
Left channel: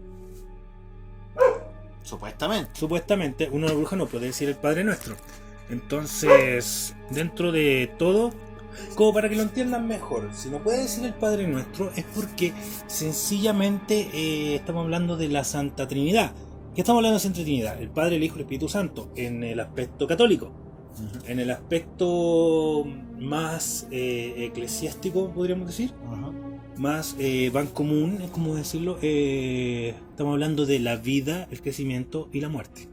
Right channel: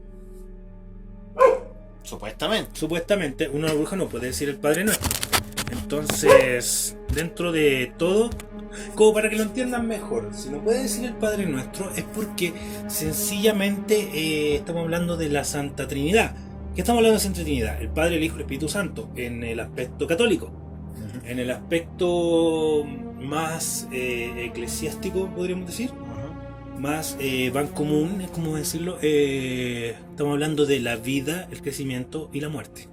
Supuestamente. Supuestamente, una bruja no puede decir el Padre Nuestro. Entonces, dentro de todo, como para que lo entiendan mejor, si no puede decir el Padre Nuestro es porque sencillamente estamos hablando de la Santa Trinidad. ¿Qué estamos hablando de Santa Trinidad? El Padre, el Hijo y el Espíritu Santo en el aspecto católico. Ujú. En el aspecto más eclesiástico, podríamos decir, Ujú. más van común, es como decirlo, estamos hablando de la vida, el crecimiento y la muerte.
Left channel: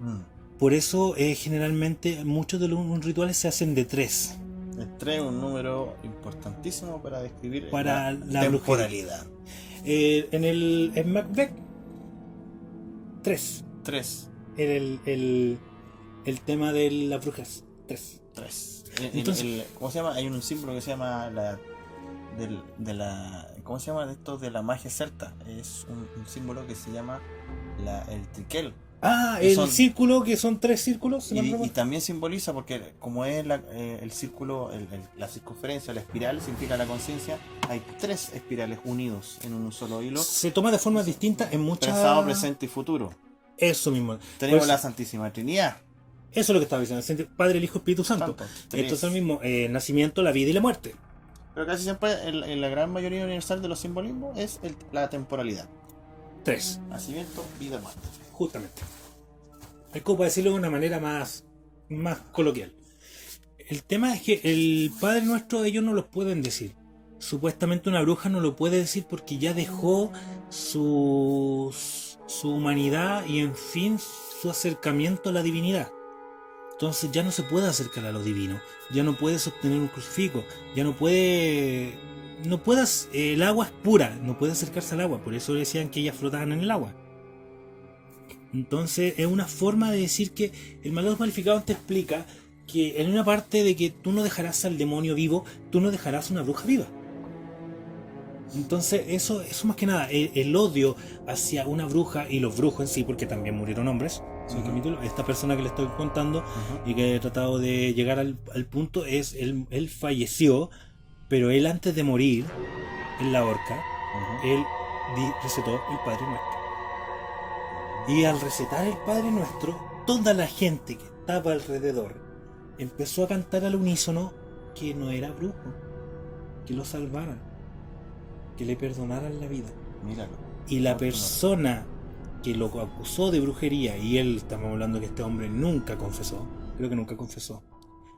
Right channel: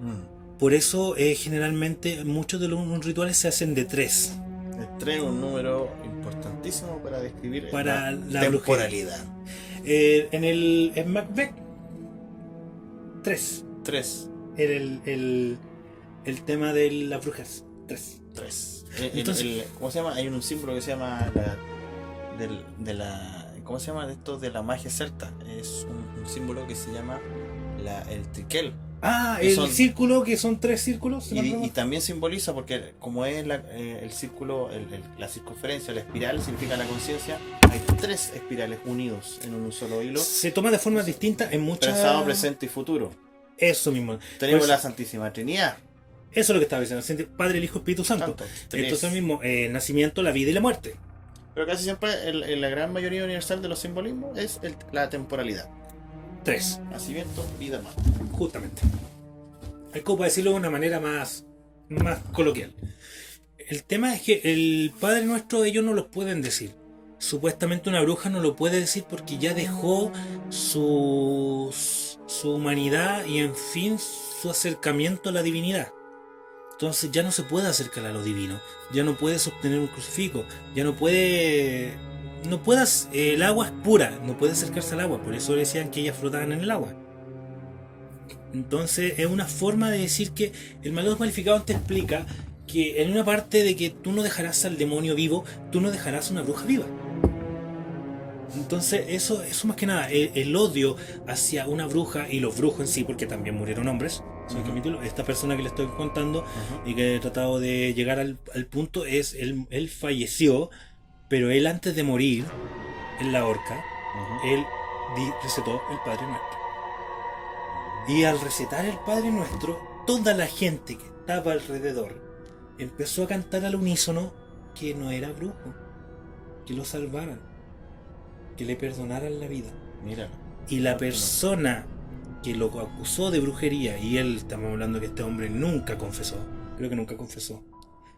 Mm. Por eso generalmente muchos de los rituales se hacen de 3. El 3 es un número importantísimo para describir Para la temporalidad. En Macbeth 3. 3. El tema de las brujas 3. 3. Entonces, ¿Cómo se llama? Hay un símbolo que se llama ¿cómo se llama esto? De la magia celta. Es un símbolo que se llama el triquel. el círculo, que son 3 círculos. ¿no? Y también simboliza, porque como es el círculo, la circunferencia, la espiral, significa la conciencia, hay 3 espirales unidos en un solo hilo, Se toma de forma distinta en muchas... pasado, presente y futuro. Eso mismo. Tenemos Pues, la Santísima Trinidad. eso es lo que estaba diciendo. Padre, el Hijo, Espíritu Santo. Santo, 3. Entonces mismo, nacimiento, la vida y la muerte. Pero casi siempre la gran mayoría universal de los simbolismos es la temporalidad. 3. Nacimiento, vida, muerte. Justamente. Es como para decirlo de una manera más coloquial. El tema es que el Padre Nuestro ellos no los pueden decir. Supuestamente una bruja no lo puede decir porque ya dejó su humanidad y en fin su acercamiento a la divinidad. Entonces ya no se puede acercar a lo divino. Ya no puede sostener un crucifijo. Ya no puede... el agua es pura. No puede acercarse al agua. Por eso decían que ellas flotaban en el agua. Entonces es una forma de decir que el Malleus Maleficarum te explica que en una parte de que tú no dejarás al demonio vivo, tú no dejarás una bruja viva. Entonces eso más que nada, el odio hacia una bruja y los brujos en sí, porque también murieron hombres, si hay que admitirlo. Esta persona que le estoy contando y que he tratado de llegar al punto es, él falleció, pero él antes de morir en la horca, él recetó el Padre Nuestro. Y al recetar el Padre Nuestro, toda la gente que estaba alrededor empezó a cantar al unísono que no era brujo, que lo salvaran, que le perdonaran la vida. Míralo. Y la persona que lo acusó de brujería, y él, estamos hablando que este hombre nunca confesó, creo que nunca confesó,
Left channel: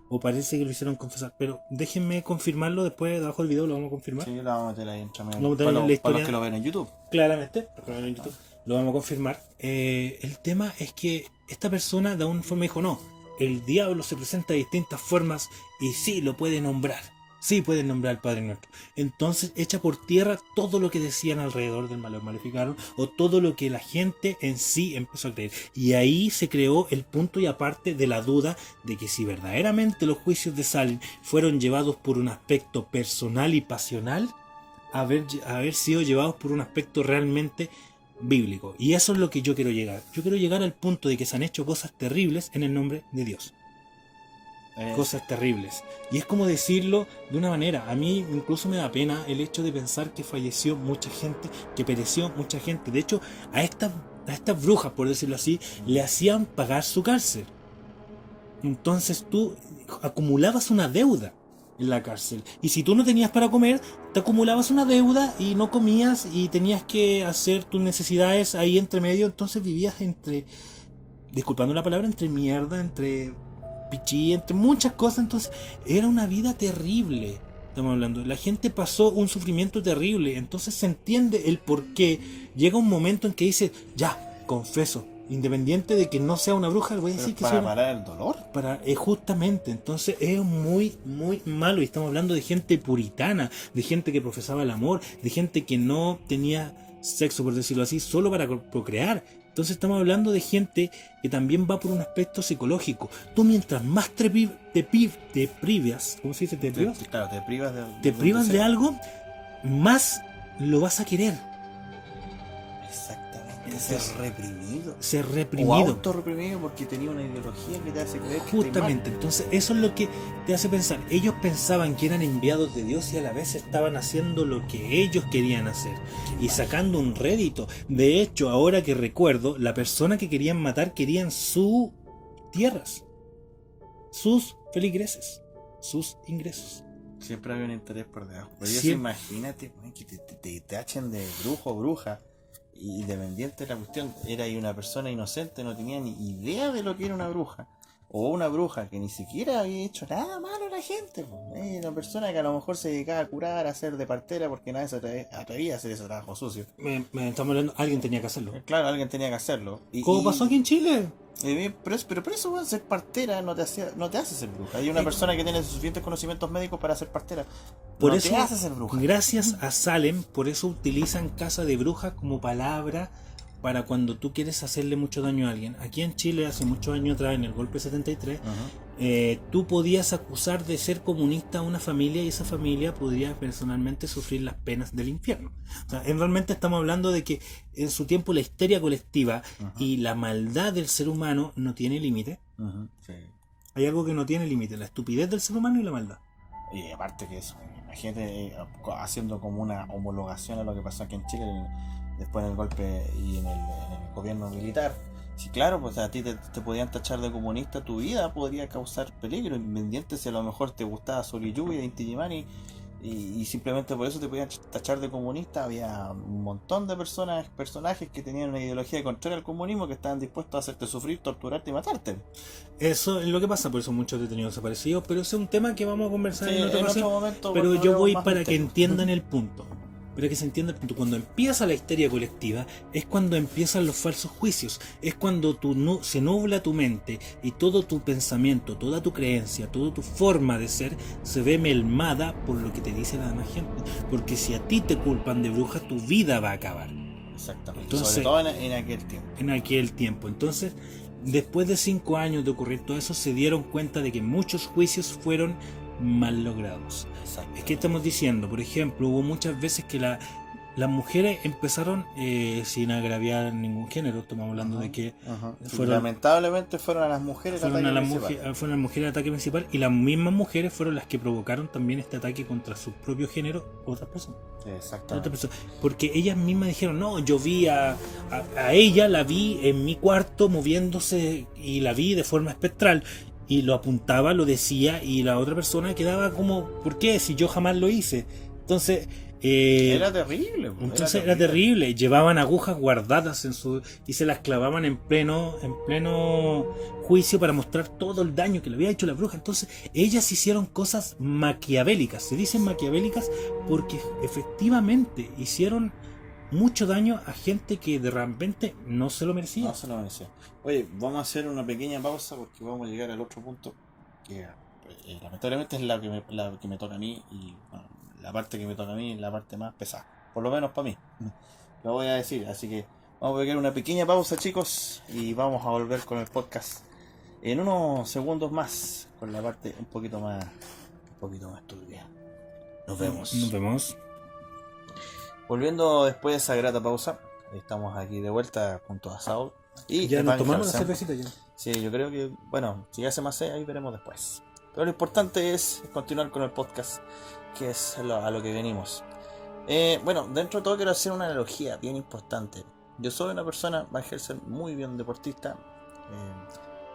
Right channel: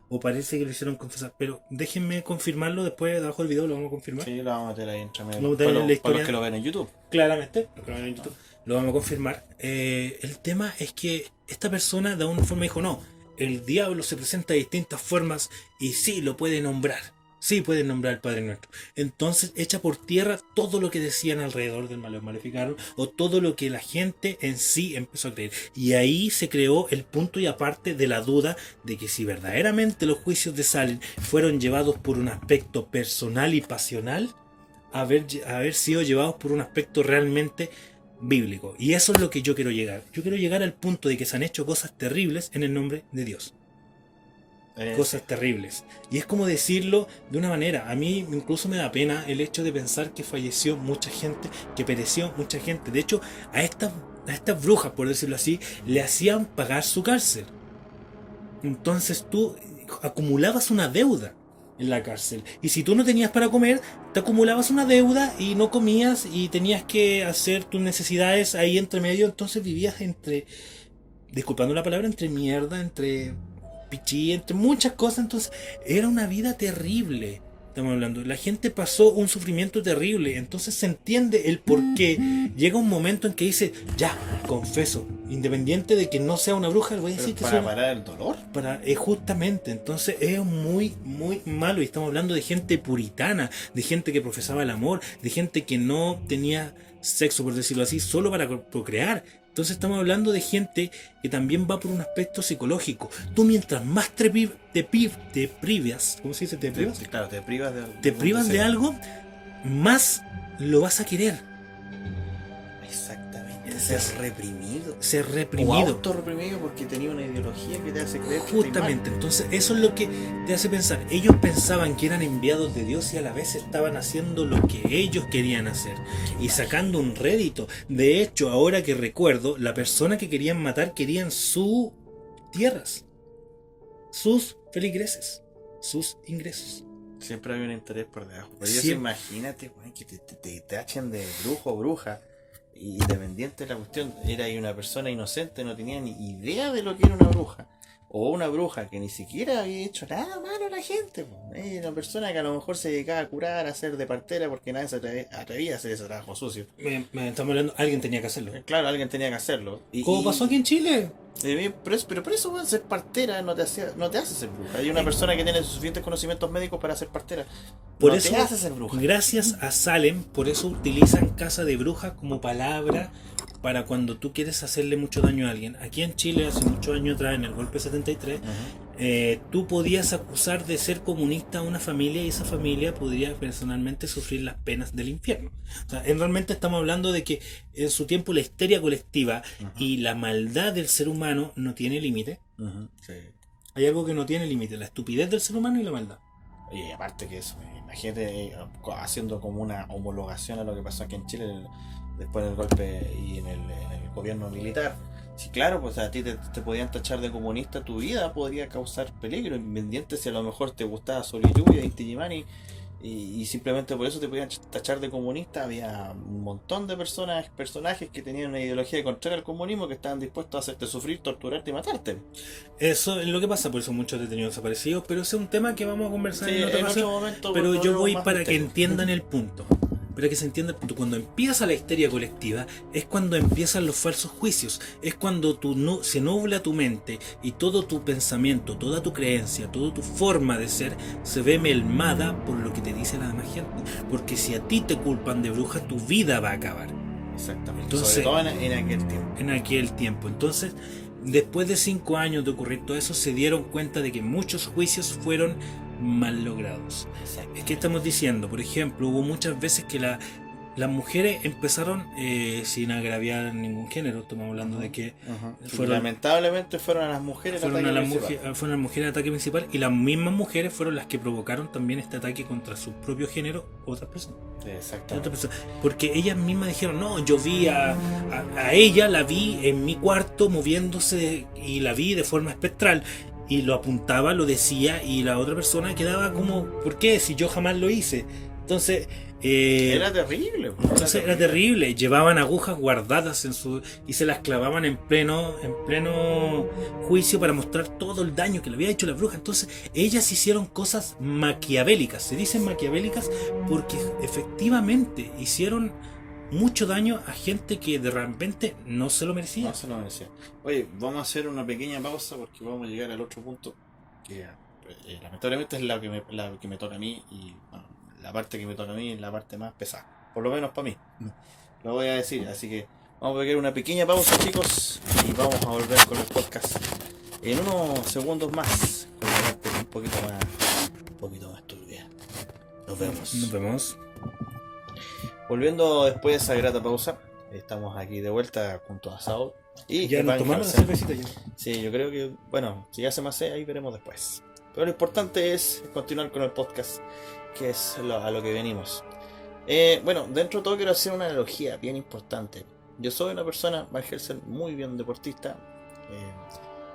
o parece que lo hicieron confesar, pero déjenme confirmarlo después, debajo del video lo vamos a confirmar. Sí, lo vamos a meter ahí entre medio. Lo vamos a meter en la historia. Para los que lo ven en YouTube. Claramente, los que lo ven en YouTube, lo vamos a confirmar. El tema es que esta persona de alguna forma dijo, no, el diablo se presenta de distintas formas y sí lo puede nombrar. Sí puede nombrar al Padre Nuestro. Entonces echa por tierra todo lo que decían alrededor del Malleus Maleficarum o todo lo que la gente en sí empezó a creer. Y ahí se creó el punto y aparte de la duda de que si verdaderamente los juicios de Salem fueron llevados por un aspecto personal y pasional, haber sido llevados por un aspecto realmente bíblico. Y eso es lo que yo quiero llegar. Yo quiero llegar al punto de que se han hecho cosas terribles en el nombre de Dios. Cosas terribles. Y es como decirlo de una manera. A mí incluso me da pena el hecho de pensar que falleció mucha gente, que pereció mucha gente. De hecho, a estas brujas, por decirlo así, le hacían pagar su cárcel. Entonces tú acumulabas una deuda en la cárcel. Y si tú no tenías para comer, te acumulabas una deuda y no comías y tenías que hacer tus necesidades ahí entre medio. Entonces vivías disculpando la palabra, entre mierda, entre pichí, entre muchas cosas. Entonces era una vida terrible. Estamos hablando, la gente pasó un sufrimiento terrible. Entonces se entiende el por qué. Llega un momento en que dice, ya, confeso, independiente de que no sea una bruja, le voy a decir que para parar el dolor. Justamente, entonces es muy, muy malo. Y estamos hablando de gente puritana, de gente que profesaba el amor, de gente que no tenía sexo, por decirlo así, solo para procrear. Entonces estamos hablando de gente que también va por un aspecto psicológico. Tú mientras más te privas, ¿cómo se dice? ¿Te privas? Claro, te privas de, Te privas de algo, más lo vas a querer. Exactamente, ser reprimido. Ser O reprimido. autorreprimido porque tenía una ideología que te hace creer que Justamente, entonces eso es lo que te hace pensar. Ellos pensaban que eran enviados de Dios y a la vez estaban haciendo lo que ellos querían hacer y sacando un rédito. De hecho, ahora que recuerdo, la persona que querían matar querían sus tierras, sus feligreses, sus ingresos. siempre había un interés por debajo. Pero Siempre. imagínate, weón, que te tachen de brujo o bruja. Y independiente de la cuestión, era ahí una persona inocente, no tenía ni idea de lo que era una bruja. O una bruja que ni siquiera había hecho nada malo a la gente. Po. Una persona que a lo mejor se dedicaba a curar, a hacer de partera, porque nadie se atrevía a hacer ese trabajo sucio. Estamos hablando, alguien tenía que hacerlo. Claro, alguien tenía que hacerlo. ¿Cómo pasó aquí en Chile? Pero por eso, weón, ser partera no te hace ser bruja. Hay una persona que tiene suficientes conocimientos médicos para ser partera. Por no eso, te hace ser bruja. gracias a Salem, por eso utilizan casa de brujas como palabra para cuando tú quieres hacerle mucho daño a alguien. Aquí en Chile, hace muchos años atrás, en el golpe 73, tú podías acusar de ser comunista a una familia y esa familia podría personalmente sufrir las penas del infierno. O sea, realmente estamos hablando de que en su tiempo la histeria colectiva y la maldad del ser humano no tiene límite. Sí. Hay algo que no tiene límite, la estupidez del ser humano y la maldad. Y aparte que eso, imagínate haciendo como una homologación a lo que pasó aquí en Chile después del golpe y en el gobierno militar. Sí, claro, pues a ti te podían tachar de comunista, tu vida podría causar peligro, independiente si a lo mejor te gustaba Sol y Lluvia, Inti Illimani, y simplemente por eso te podían tachar de comunista. Había un montón de personajes que tenían una ideología contraria al comunismo que estaban dispuestos a hacerte sufrir, torturarte y matarte. Eso es lo que pasa, por eso muchos detenidos desaparecidos, pero ese es un tema que vamos a conversar Sí, en otra en ocasión. otro momento, Pero porque yo veo voy más para que misterio. entiendan el punto. Para que se entienda el punto. Cuando empieza la histeria colectiva, es cuando empiezan los falsos juicios. Es cuando se nubla tu mente y todo tu pensamiento, toda tu creencia, toda tu forma de ser se ve melmada por lo que te dice la demás gente. Porque si a ti te culpan de bruja, tu vida va a acabar. Exactamente. Entonces, sobre todo en aquel tiempo. En aquel tiempo. Entonces, después de 5 años de ocurrir todo eso, se dieron cuenta de que muchos juicios fueron mal logrados. Exacto. Es que estamos diciendo, por ejemplo, hubo muchas veces que las mujeres empezaron sin agraviar ningún género. Estamos hablando de que lamentablemente fueron a las mujeres fueron las mujeres ataque principal, y las mismas mujeres fueron las que provocaron también este ataque contra su propio género, otras personas. Exactamente. Porque ellas mismas dijeron, no, yo vi a ella, la vi en mi cuarto moviéndose y la vi de forma espectral. Y lo apuntaba, lo decía, y la otra persona quedaba como, ¿por qué? Si yo jamás lo hice. Entonces, era terrible. Era terrible. Llevaban agujas guardadas y se las clavaban en pleno juicio para mostrar todo el daño que le había hecho la bruja. Entonces, ellas hicieron cosas maquiavélicas. Se dicen maquiavélicas porque efectivamente hicieron mucho daño a gente que de repente no se lo merecía. No se lo merecía. Oye, vamos a hacer una pequeña pausa porque vamos a llegar al otro punto que lamentablemente es la que me toca a mí, y bueno, la parte que me toca a mí es la parte más pesada, por lo menos para mí. Lo voy a decir, así que vamos a pegar una pequeña pausa, chicos, y vamos a volver con el podcast en unos segundos más con la parte un poquito más turbia. Nos vemos. Volviendo después de esa grata pausa, estamos aquí de vuelta junto a Saul. Y ya nos tomamos la cervecita ya. Sí, yo creo que, bueno, si ya se me hace, ahí veremos después. Pero lo importante es continuar con el podcast, que es a lo que venimos. Bueno, dentro de todo quiero hacer una analogía bien importante. Yo soy una persona, va a ejercer muy bien deportista.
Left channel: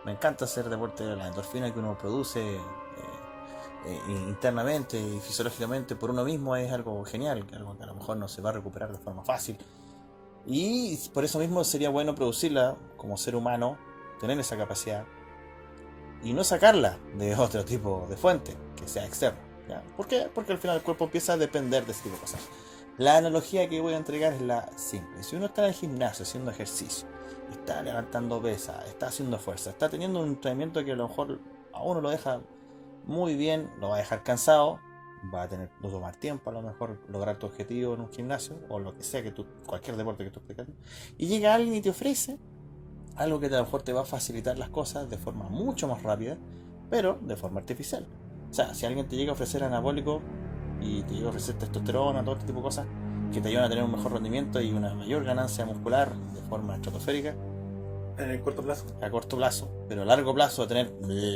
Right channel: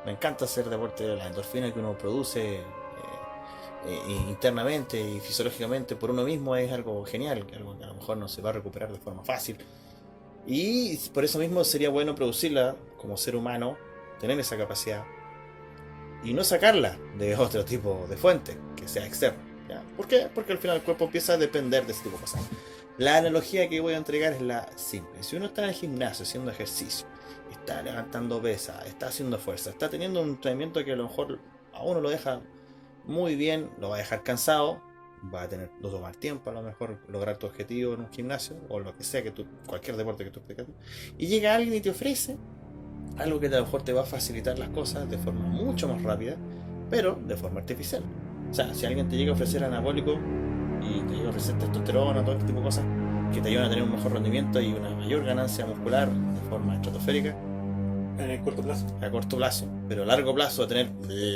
Me encanta hacer deporte, la endorfina que uno produce internamente y fisiológicamente por uno mismo es algo genial, algo que a lo mejor no se va a recuperar de forma fácil. Y por eso mismo sería bueno producirla como ser humano, tener esa capacidad y no sacarla de otro tipo de fuente que sea externo, ¿ya? ¿Por qué? Porque al final el cuerpo empieza a depender de ese tipo de cosas. La analogía que voy a entregar es la simple. Si uno está en el gimnasio haciendo ejercicio, está levantando pesas, está haciendo fuerza, está teniendo un entrenamiento que a lo mejor a uno lo deja muy bien, lo va a dejar cansado, va a tener a tomar tiempo a lo mejor lograr tu objetivo en un gimnasio o lo que sea que tú, cualquier deporte que tú estés haciendo, y llega alguien y te ofrece algo que a lo mejor te va a facilitar las cosas de forma mucho más rápida, pero de forma artificial. O sea, si alguien te llega a ofrecer anabólico y te llega a ofrecer testosterona, todo este tipo de cosas que te ayudan a tener un mejor rendimiento y una mayor ganancia muscular de forma estratosférica En el corto plazo. a corto plazo, pero a largo plazo va a tener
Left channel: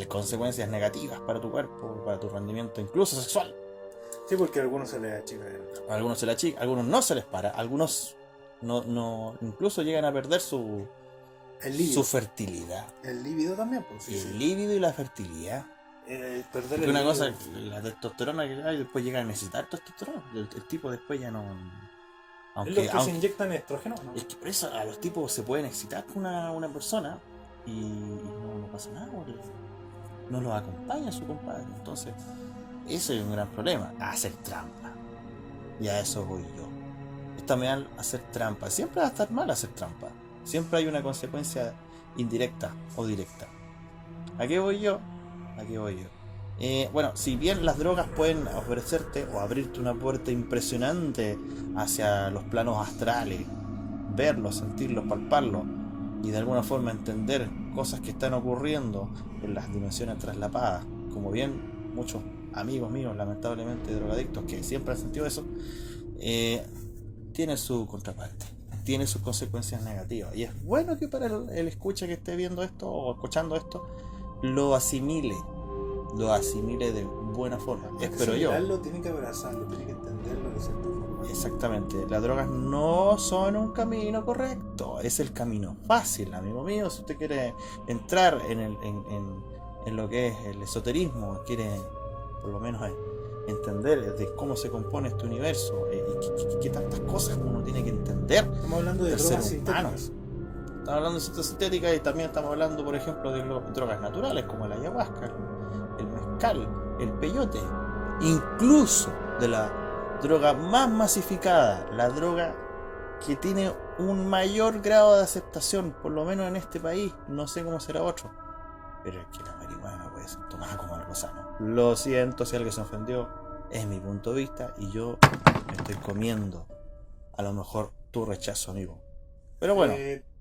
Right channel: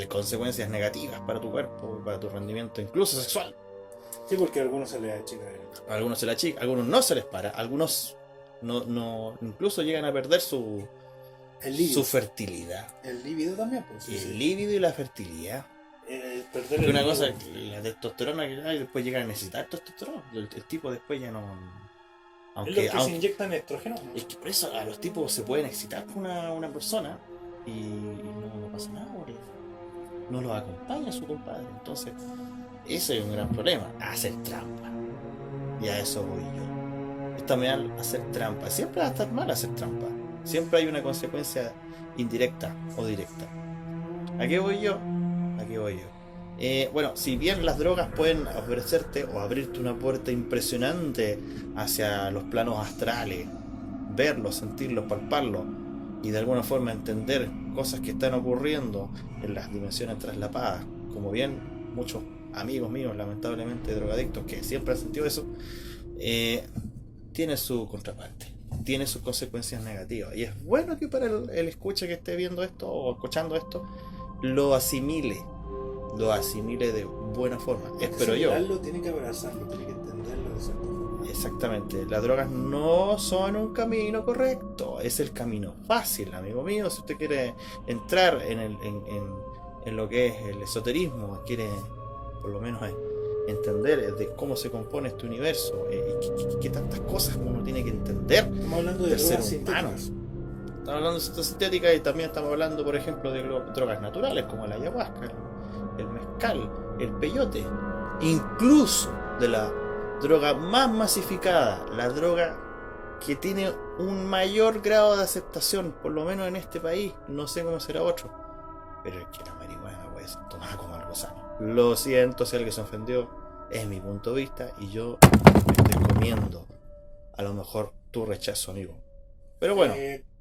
consecuencias negativas para tu cuerpo, para tu rendimiento, incluso sexual. Sí, porque a algunos se les achica A algunos se la chica, a algunos no se les para, a algunos no incluso llegan a perder su líbido. fertilidad. El líbido también, pues. El líbido y la fertilidad. Perder Porque el una líbido. cosa, la testosterona que hay, después llega a necesitar testosterona. El tipo después ya no. Es lo que se inyectan estrógeno. Es que por eso a los tipos se pueden excitar con una persona y no pasa nada, porque no los acompaña su compadre. Entonces, eso es un gran problema. Hacer trampa. Y a eso voy yo. Está mal hacer trampa. Siempre va a estar mal hacer trampa. Siempre hay una consecuencia indirecta o directa. ¿A qué voy yo? Bueno, si bien las drogas pueden ofrecerte o abrirte una puerta impresionante hacia los planos astrales, verlos, sentirlos, palparlos y de alguna forma entender cosas que están ocurriendo en las dimensiones traslapadas, como bien muchos amigos míos, lamentablemente drogadictos, que siempre han sentido eso, tiene su contraparte, tiene sus consecuencias negativas. Y es bueno que para el escucha que esté viendo esto o escuchando esto, lo asimile de buena forma. Espero yo. Tiene que abrazarlo, tiene que entenderlo de cierta forma. Exactamente. Las drogas no son un camino correcto. Es el camino fácil, amigo mío. Si usted quiere entrar en lo que es el esoterismo, quiere por lo menos entender de cómo se compone este universo y qué tantas cosas uno tiene que entender. Estamos hablando de del ser drogas humano. sintéticas. Estamos hablando de ciencia sintética y también estamos hablando, por ejemplo, de drogas naturales como la ayahuasca, el mezcal, el peyote, incluso de la droga más masificada, la droga que tiene un mayor grado de aceptación, por lo menos en este país, no sé cómo será otro, pero es que la marihuana puede ser tomada como algo sano. Lo siento si alguien se ofendió, es mi punto de vista y yo me estoy comiendo a lo mejor tu rechazo, amigo. Pero bueno.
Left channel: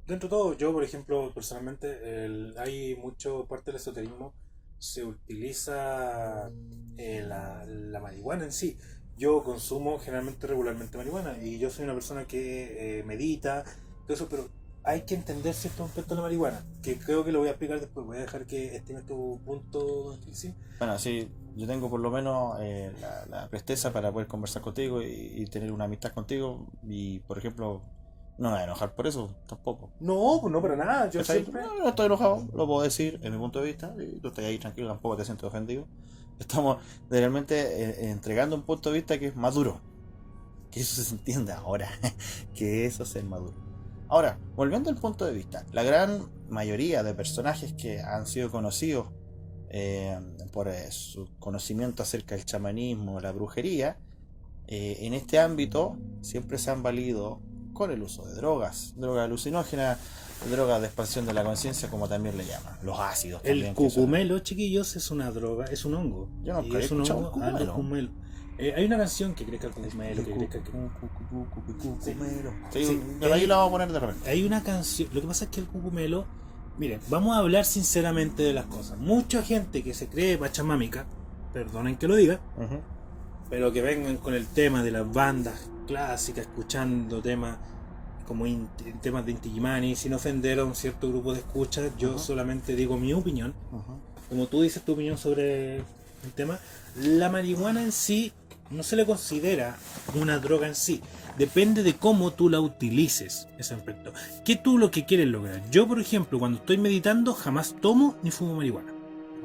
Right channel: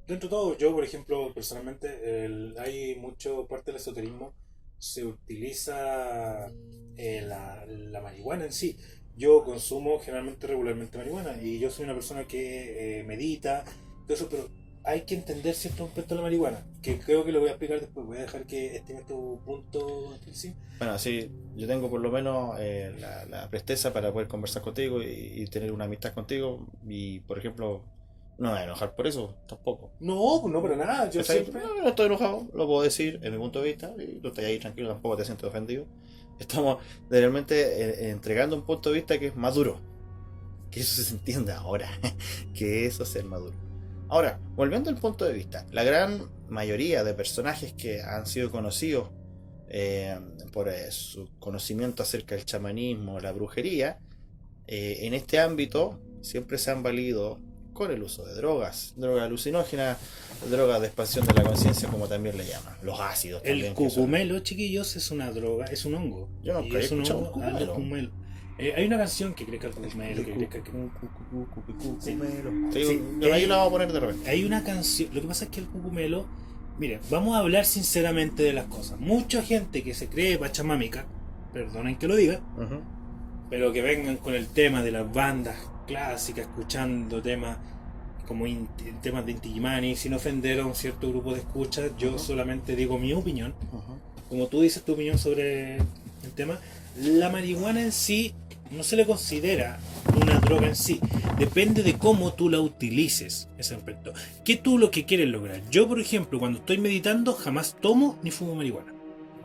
Dentro de todo, yo por ejemplo, personalmente, hay mucho parte del esoterismo, se utiliza la marihuana en sí. Yo consumo generalmente regularmente marihuana y yo soy una persona que medita, todo eso, pero hay que entender ciertos aspectos de la marihuana, que creo que lo voy a explicar después. Voy a dejar que estime tu punto, sí. Bueno, sí, yo tengo por lo menos la presteza para poder conversar contigo y tener una amistad contigo y, por ejemplo, no me voy a enojar por eso, tampoco. No, no para nada. Yo siempre... No estoy enojado, lo puedo decir en mi punto de vista y tú estás ahí tranquilo, tampoco te siento ofendido. Estamos realmente entregando un punto de vista que es maduro. Que eso se entienda ahora, que eso es ser maduro. Ahora, volviendo al punto de vista, la gran mayoría de personajes que han sido conocidos por su conocimiento acerca del chamanismo, la brujería, en este ámbito siempre se han valido con el uso de drogas alucinógenas, drogas de expansión de la conciencia, como también le llaman, los ácidos. El cucumelo, chiquillos, es una droga, es un hongo. Yo no y es un hongo, cucumelo. Hay una canción que crezca el cucumelo. Ahí la vamos a poner de repente. Hay una canción, lo que pasa es que el cucumelo, miren, vamos a hablar sinceramente de las cosas. Mucha gente que se cree pachamámica, perdonen que lo diga, pero que vengan con el tema de las bandas clásicas, escuchando temas como temas de Inti Illimani, sin ofender a un cierto grupo de escuchas. Yo solamente digo mi opinión. Como tú dices tu opinión sobre el tema, la marihuana en sí no se le considera una droga en sí, depende de cómo tú la utilices, ese aspecto. ¿Qué tú lo que quieres lograr? Yo, por ejemplo, cuando estoy meditando jamás tomo ni fumo marihuana.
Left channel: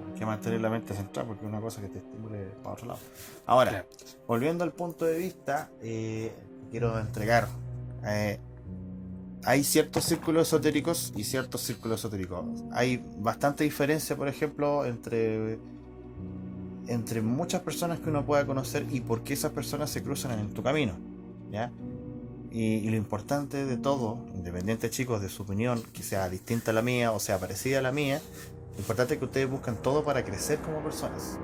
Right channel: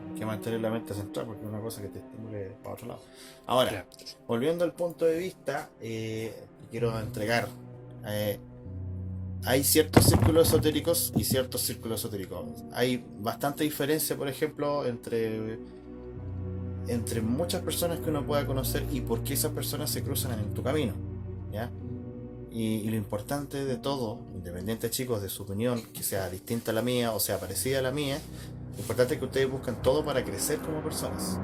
Hay que mantener la mente centrada porque es una cosa que te estimule para otro lado. Ahora, volviendo al punto de vista que quiero entregar, hay ciertos círculos esotéricos y ciertos círculos esotéricos. Hay bastante diferencia, por ejemplo, entre muchas personas que uno pueda conocer y por qué esas personas se cruzan en tu camino, ¿ya? Y lo importante de todo, independiente, chicos, de su opinión, que sea distinta a la mía o sea parecida a la mía, lo importante es que ustedes buscan todo para crecer como personas.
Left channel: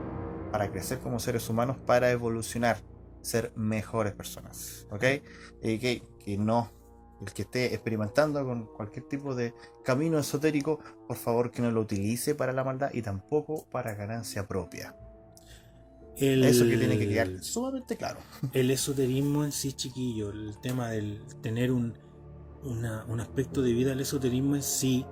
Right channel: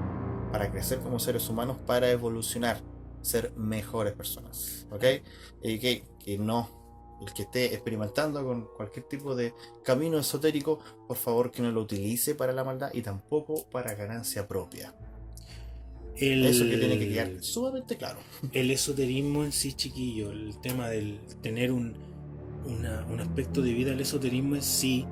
para crecer como seres humanos, para evolucionar, ser mejores personas, ¿ok? Y que no, el que esté experimentando con cualquier tipo de camino esotérico, por favor que no lo utilice para la maldad y tampoco para ganancia propia. Eso que tiene que quedar El, sumamente claro. el esoterismo en sí, chiquillo, el tema del tener un aspecto de vida al esoterismo en sí,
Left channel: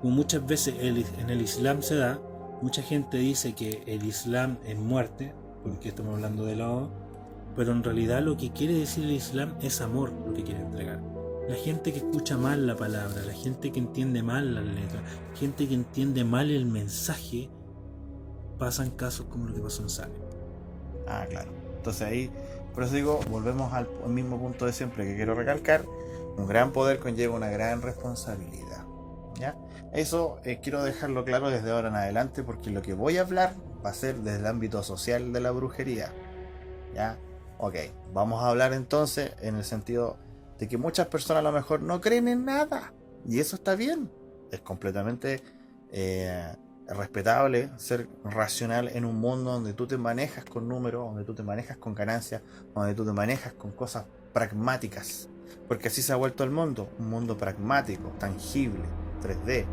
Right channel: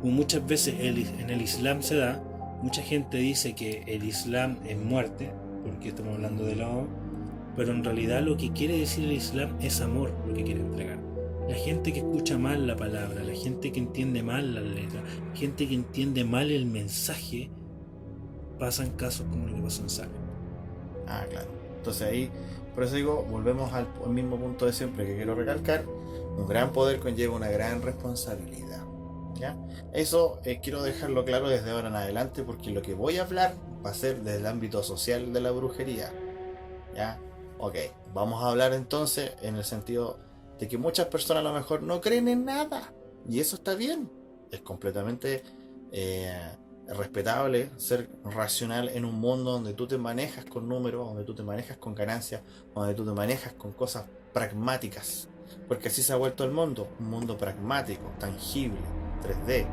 como muchas veces en el Islam se da, mucha gente dice que el Islam es muerte, porque estamos hablando de lado, pero en realidad lo que quiere decir el Islam es amor, lo que quiere entregar. La gente que escucha mal la palabra, la gente que entiende mal las letras, la gente que entiende mal el mensaje, pasan casos como lo que pasó en Salem. Ah, claro. Entonces ahí, por eso digo, volvemos al mismo punto de siempre que quiero recalcar. Un gran poder conlleva una gran responsabilidad. ¿Ya? Eso quiero dejarlo claro desde ahora en adelante, porque lo que voy a hablar va a ser desde el ámbito social de la brujería. ¿Ya? Ok, vamos a hablar entonces en el sentido de que muchas personas a lo mejor no creen en nada. Y eso está bien. Es completamente respetable ser racional en un mundo donde tú te manejas con números, donde tú te manejas con ganancias, donde tú te manejas con cosas pragmáticas. Porque así se ha vuelto el mundo, un mundo pragmático, tangible, 3D.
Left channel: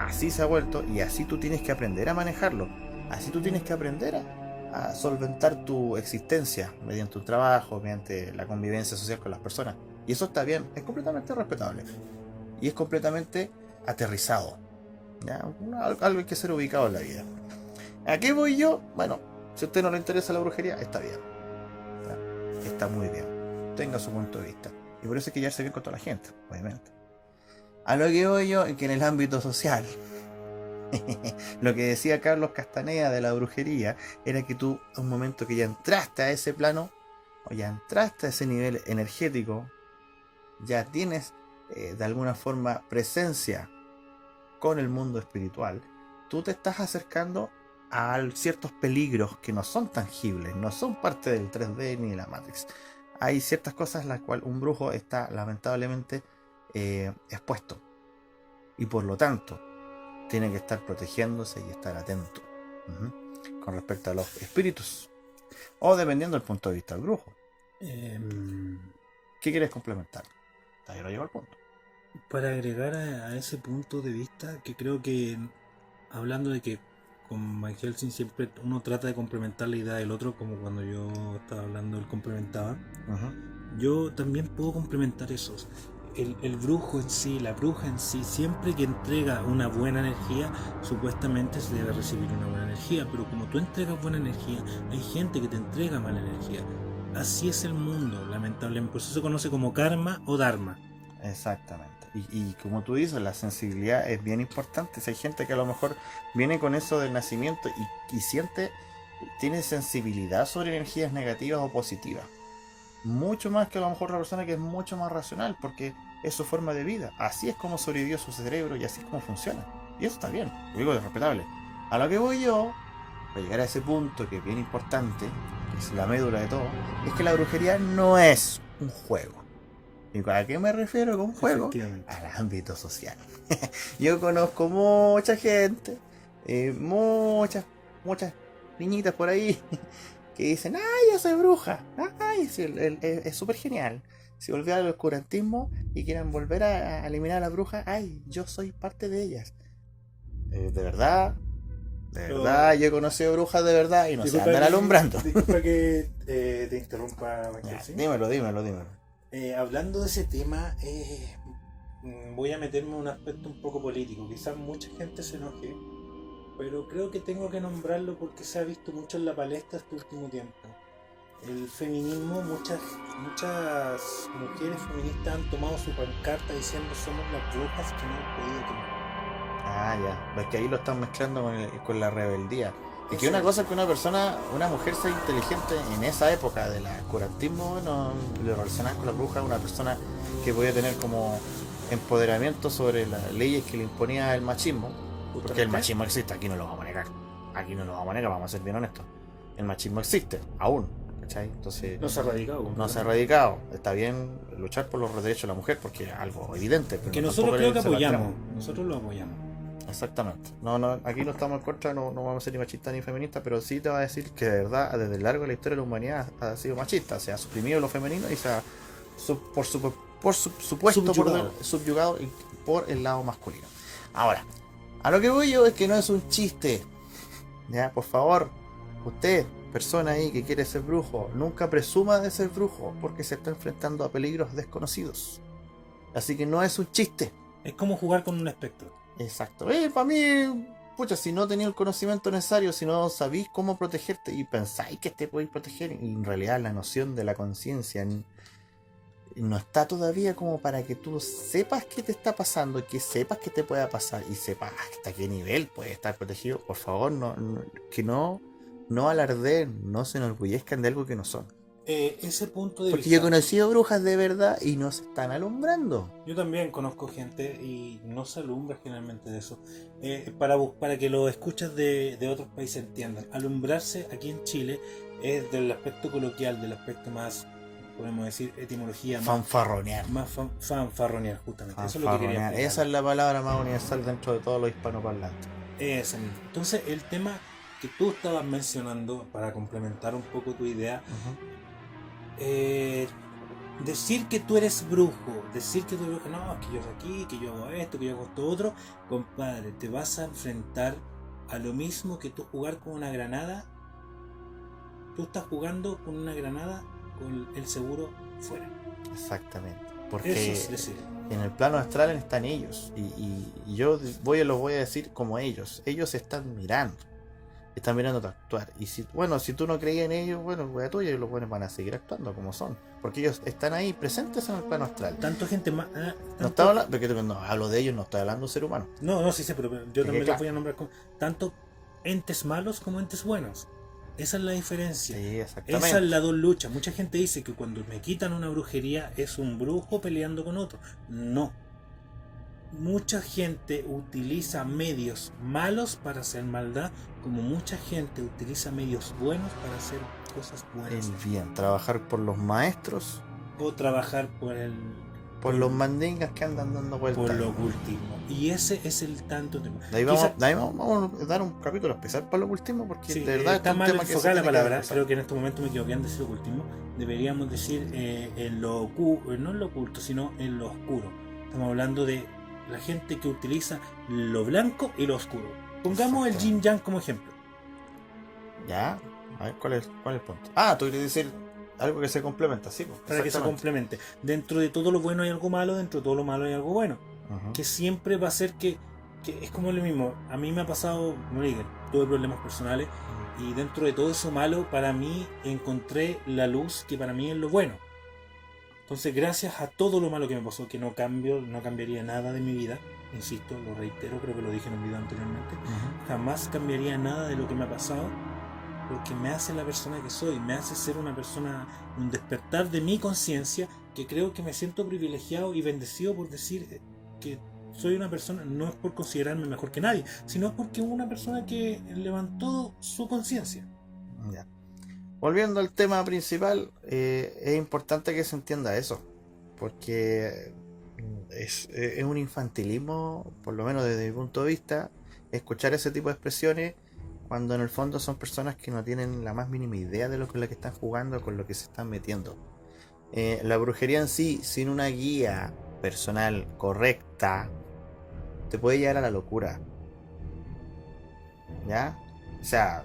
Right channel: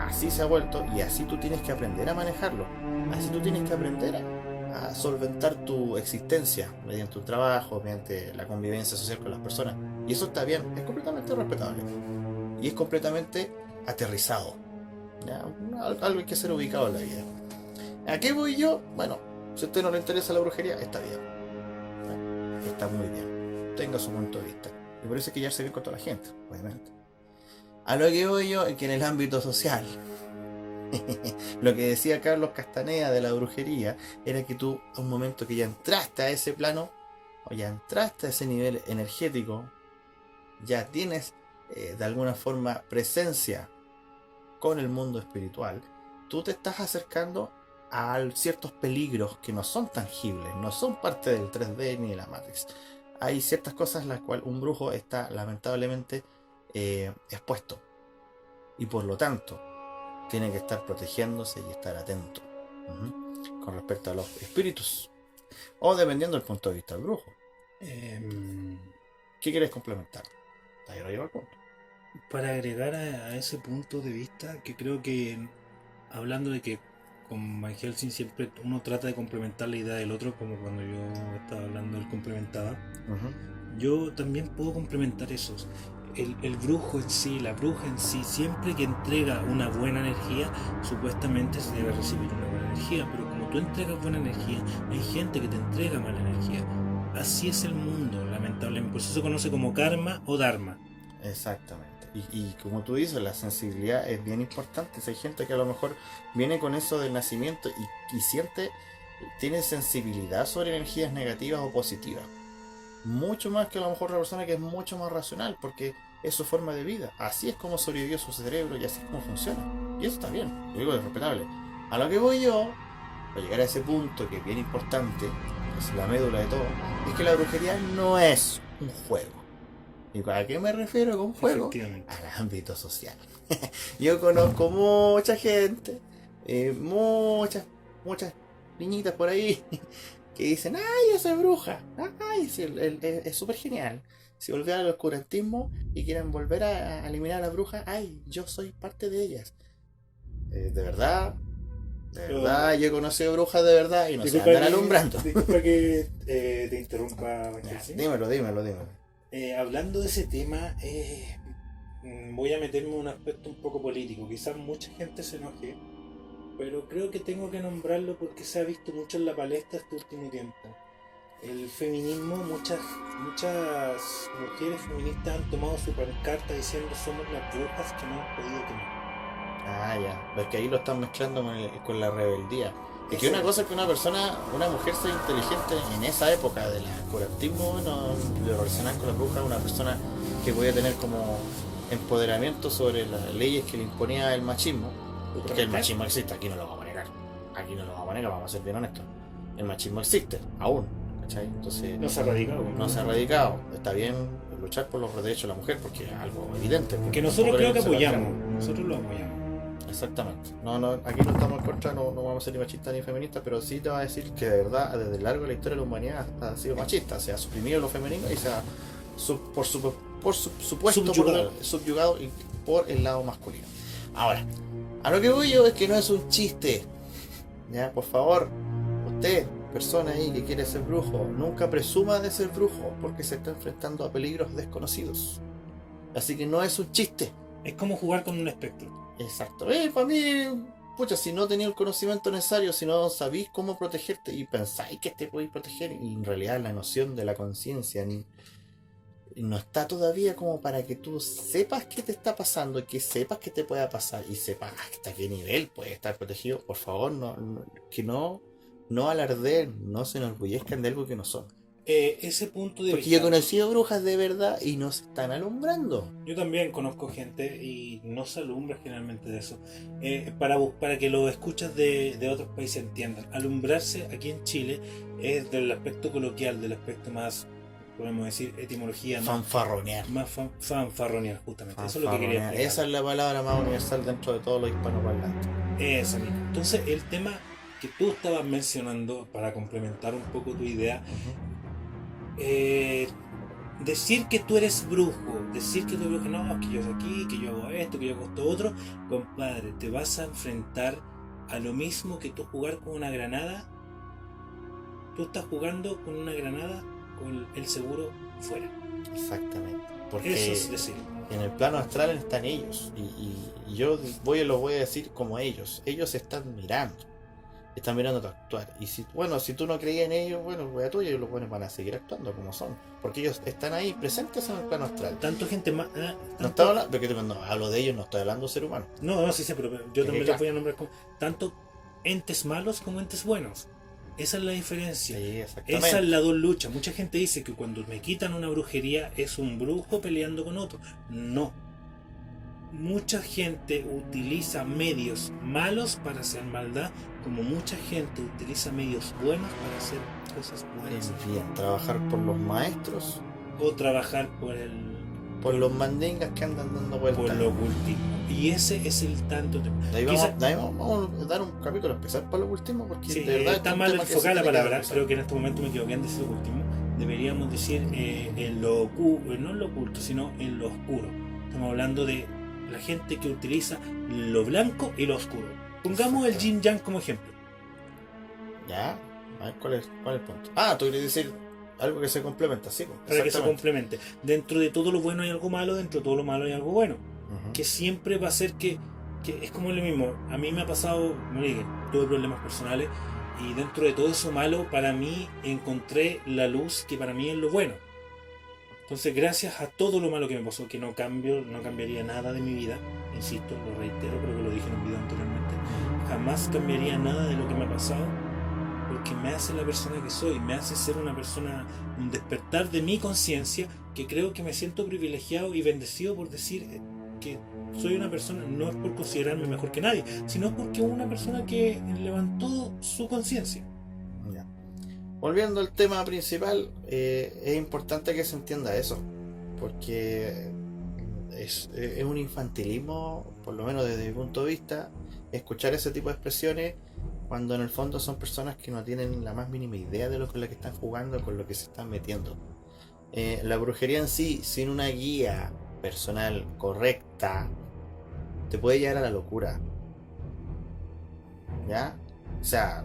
Así se ha vuelto y así tú tienes que aprender a manejarlo. Así tú tienes que aprender a solventar tu existencia mediante un trabajo, mediante la convivencia social con las personas. Y eso está bien, es completamente respetable. Y es completamente aterrizado. ¿Ya? Algo hay que ser ubicado en la vida. ¿A qué voy yo? Bueno, si a usted no le interesa la brujería, está bien. ¿Ya? Está muy bien. Tenga su punto de vista. Y por eso hay que llevarse bien con toda la gente, obviamente. A lo que voy yo es que en el ámbito social, lo que decía Carlos Castaneda de la brujería, era que tú, a un momento que ya entraste a ese plano, o ya entraste a ese nivel energético, ya tienes de alguna forma presencia con el mundo espiritual, tú te estás acercando a ciertos peligros que no son tangibles, no son parte del 3D ni de la Matrix. Hay ciertas cosas en las cuales un brujo está lamentablemente expuesto y por lo tanto tiene que estar protegiéndose y estar atento con respecto a los espíritus o dependiendo del punto de vista del brujo. ¿Qué quieres complementar? Ahí lo llevo al punto. Para agregar a ese punto de vista, que creo que hablando de que con Van Helsing siempre uno trata de complementar la idea del otro, como cuando yo estaba hablando él complementaba, yo también puedo complementar eso. El brujo en sí, la bruja en sí, siempre que entrega una buena energía, supuestamente se debe recibir una buena energía, pero como tú entregas buena energía, hay gente que te entrega mala energía. Así es el mundo, lamentablemente. Por eso se conoce como karma o dharma. Exactamente. Y como tú dices, la sensibilidad es bien importante. Si hay gente que a lo mejor viene con eso del nacimiento y siente, tiene sensibilidad sobre energías negativas o positivas. Mucho más que a lo mejor la persona que es mucho más racional, porque es su forma de vida. Así es como sobrevivió su cerebro y así es como funciona. Y eso está bien, lo digo, es respetable. A lo que voy yo, para llegar a ese punto que es bien importante, que es la médula de todo, es que la brujería no es un juego. ¿Y a qué me refiero con juego? Al ámbito social. Yo conozco mucha gente, muchas niñitas por ahí que dicen, ¡ay, yo soy bruja! ¡Ay, sí, es súper genial! Si volvieran al oscurantismo y quieren volver a eliminar a la bruja, ¡ay, yo soy parte de ellas! De verdad, yo he conocido brujas de verdad y no se andan alumbrando. Disculpa que te interrumpa. Ya, dímelo. Hablando de ese tema, voy a meterme en un aspecto un poco político. Quizás mucha gente se enoje, pero creo que tengo que nombrarlo porque se ha visto mucho en la palestra este último tiempo. El feminismo, muchas mujeres feministas han tomado su pancarta diciendo somos las brujas que no han podido quemar. Ah, ya. Es que ahí lo están mezclando con la rebeldía. Es que una cosa es que una mujer sea inteligente en esa época del oscurantismo, no, lo relacionar con la bruja, una persona que podía tener como empoderamiento sobre las leyes que le imponía el machismo. Porque el machismo existe, aquí no lo vamos a negar. Vamos a ser bien honestos. El machismo existe, aún. ¿Cachai? Entonces, No se ha radicado. No se ha radicado. Está bien luchar por los derechos de la mujer porque es algo evidente. Que nosotros creo que apoyamos. Nosotros lo apoyamos. Exactamente. No, no, aquí no estamos en contra, no, no vamos a ser ni machistas ni feministas, pero sí te va a decir que de verdad, desde largo de la historia de la humanidad ha sido machista, se ha suprimido lo femenino y se ha por supuesto subyugado y por el lado masculino. Ahora, a lo que voy yo es que no es un chiste. Ya, por favor, usted, persona ahí que quiere ser brujo, nunca presuma de ser brujo porque se está enfrentando a peligros desconocidos. Así que no es un chiste. Es como jugar con un espectro. Exacto. Para mí, pucha, si no tenéis el conocimiento necesario, si no sabéis cómo protegerte y pensáis que te podéis proteger, y en realidad la noción de la conciencia no está todavía como para que tú sepas qué te está pasando, que sepas qué te pueda pasar y sepas hasta qué nivel puedes estar protegido. Por favor, no alardeen, no se enorgullezcan de algo que no son. Ese punto de Porque vista, yo he conocido brujas de verdad y no se están alumbrando. yo también conozco gente y no se alumbra generalmente de eso. Para que los escuchas de otros países entiendan, alumbrarse aquí en Chile es del aspecto coloquial, del aspecto más, podemos decir, etimología, Fanfarronear. más fanfarronear, justamente. Eso es lo que quería explicar. Esa es la palabra más universal dentro de todos los hispanoparlantes. Ese mismo. Entonces, el tema que tú estabas mencionando, para complementar un poco tu idea, decir que tú eres brujo, decir que tú eres brujo, no, que yo soy aquí, que yo hago esto, que yo hago esto otro, compadre, te vas a enfrentar a lo mismo que tú jugar con una granada. Tú estás jugando con una granada con el seguro fuera. Exactamente. Porque Eso es decir. en el plano astral están ellos. Y yo los voy a decir como ellos. Ellos están mirando. Están mirando tu actuar. Y si tú no creías en ellos, bueno, pues a tuyo y los buenos van a seguir actuando como son. Porque ellos están ahí presentes en el plano astral. Tanto gente más. No estaba hablando, porque cuando hablo de ellos no estoy hablando de ser humano. No, sí sé, pero yo también les voy a nombrar como tanto entes malos como entes buenos. Esa es la diferencia. Sí, exactamente. Esa es la dos lucha. Mucha gente dice que cuando me quitan una brujería es un brujo peleando con otro. No. Mucha gente utiliza medios malos para hacer maldad, como mucha gente utiliza medios buenos para hacer cosas buenas. Bien, trabajar por los maestros, O trabajar por los mandingas que andan dando vueltas. por lo ocultismo. Y ese es el tanto tema. De ahí vamos a dar un capítulo especial para el ocultismo porque Sí, de verdad está es un mal tema que se enfocada la tiene que palabra. empezar. Creo que en este momento me equivoqué en decir ocultismo. Deberíamos decir en lo oculto, no en lo oculto, sino en lo oscuro. Estamos hablando de la gente que utiliza lo blanco y lo oscuro. Pongamos el yin yang como ejemplo. Ya, a ver, ¿cuál es el punto? Ah, tú quieres decir algo que se complementa, sí. Pues, Para que se complemente. Dentro de todo lo bueno hay algo malo, dentro de todo lo malo hay algo bueno. Ujú. Que siempre va a ser que es como lo mismo. A mí me ha pasado, no digo, tuve problemas personales y dentro de todo eso malo, para mí encontré la luz que para mí es lo bueno. Entonces, gracias a todo lo malo que me pasó, que no cambiaría nada de mi vida, insisto, lo reitero, creo que lo dije en un video anteriormente, jamás cambiaría nada de lo que me ha pasado, porque me hace la persona que soy, me hace ser una persona, un despertar de mi conciencia, que creo que me siento privilegiado y bendecido por decir que soy una persona, no es por considerarme mejor que nadie, sino porque es una persona que levantó su conciencia. Ya. Volviendo al tema principal, es importante que se entienda eso, porque es un infantilismo, por lo menos desde mi punto de vista, escuchar ese tipo de expresiones cuando en el fondo son personas que no tienen la más mínima idea de lo que están jugando, con lo que se están metiendo. La brujería en sí, sin una guía personal correcta, te puede llevar a la locura. ¿Ya? O sea,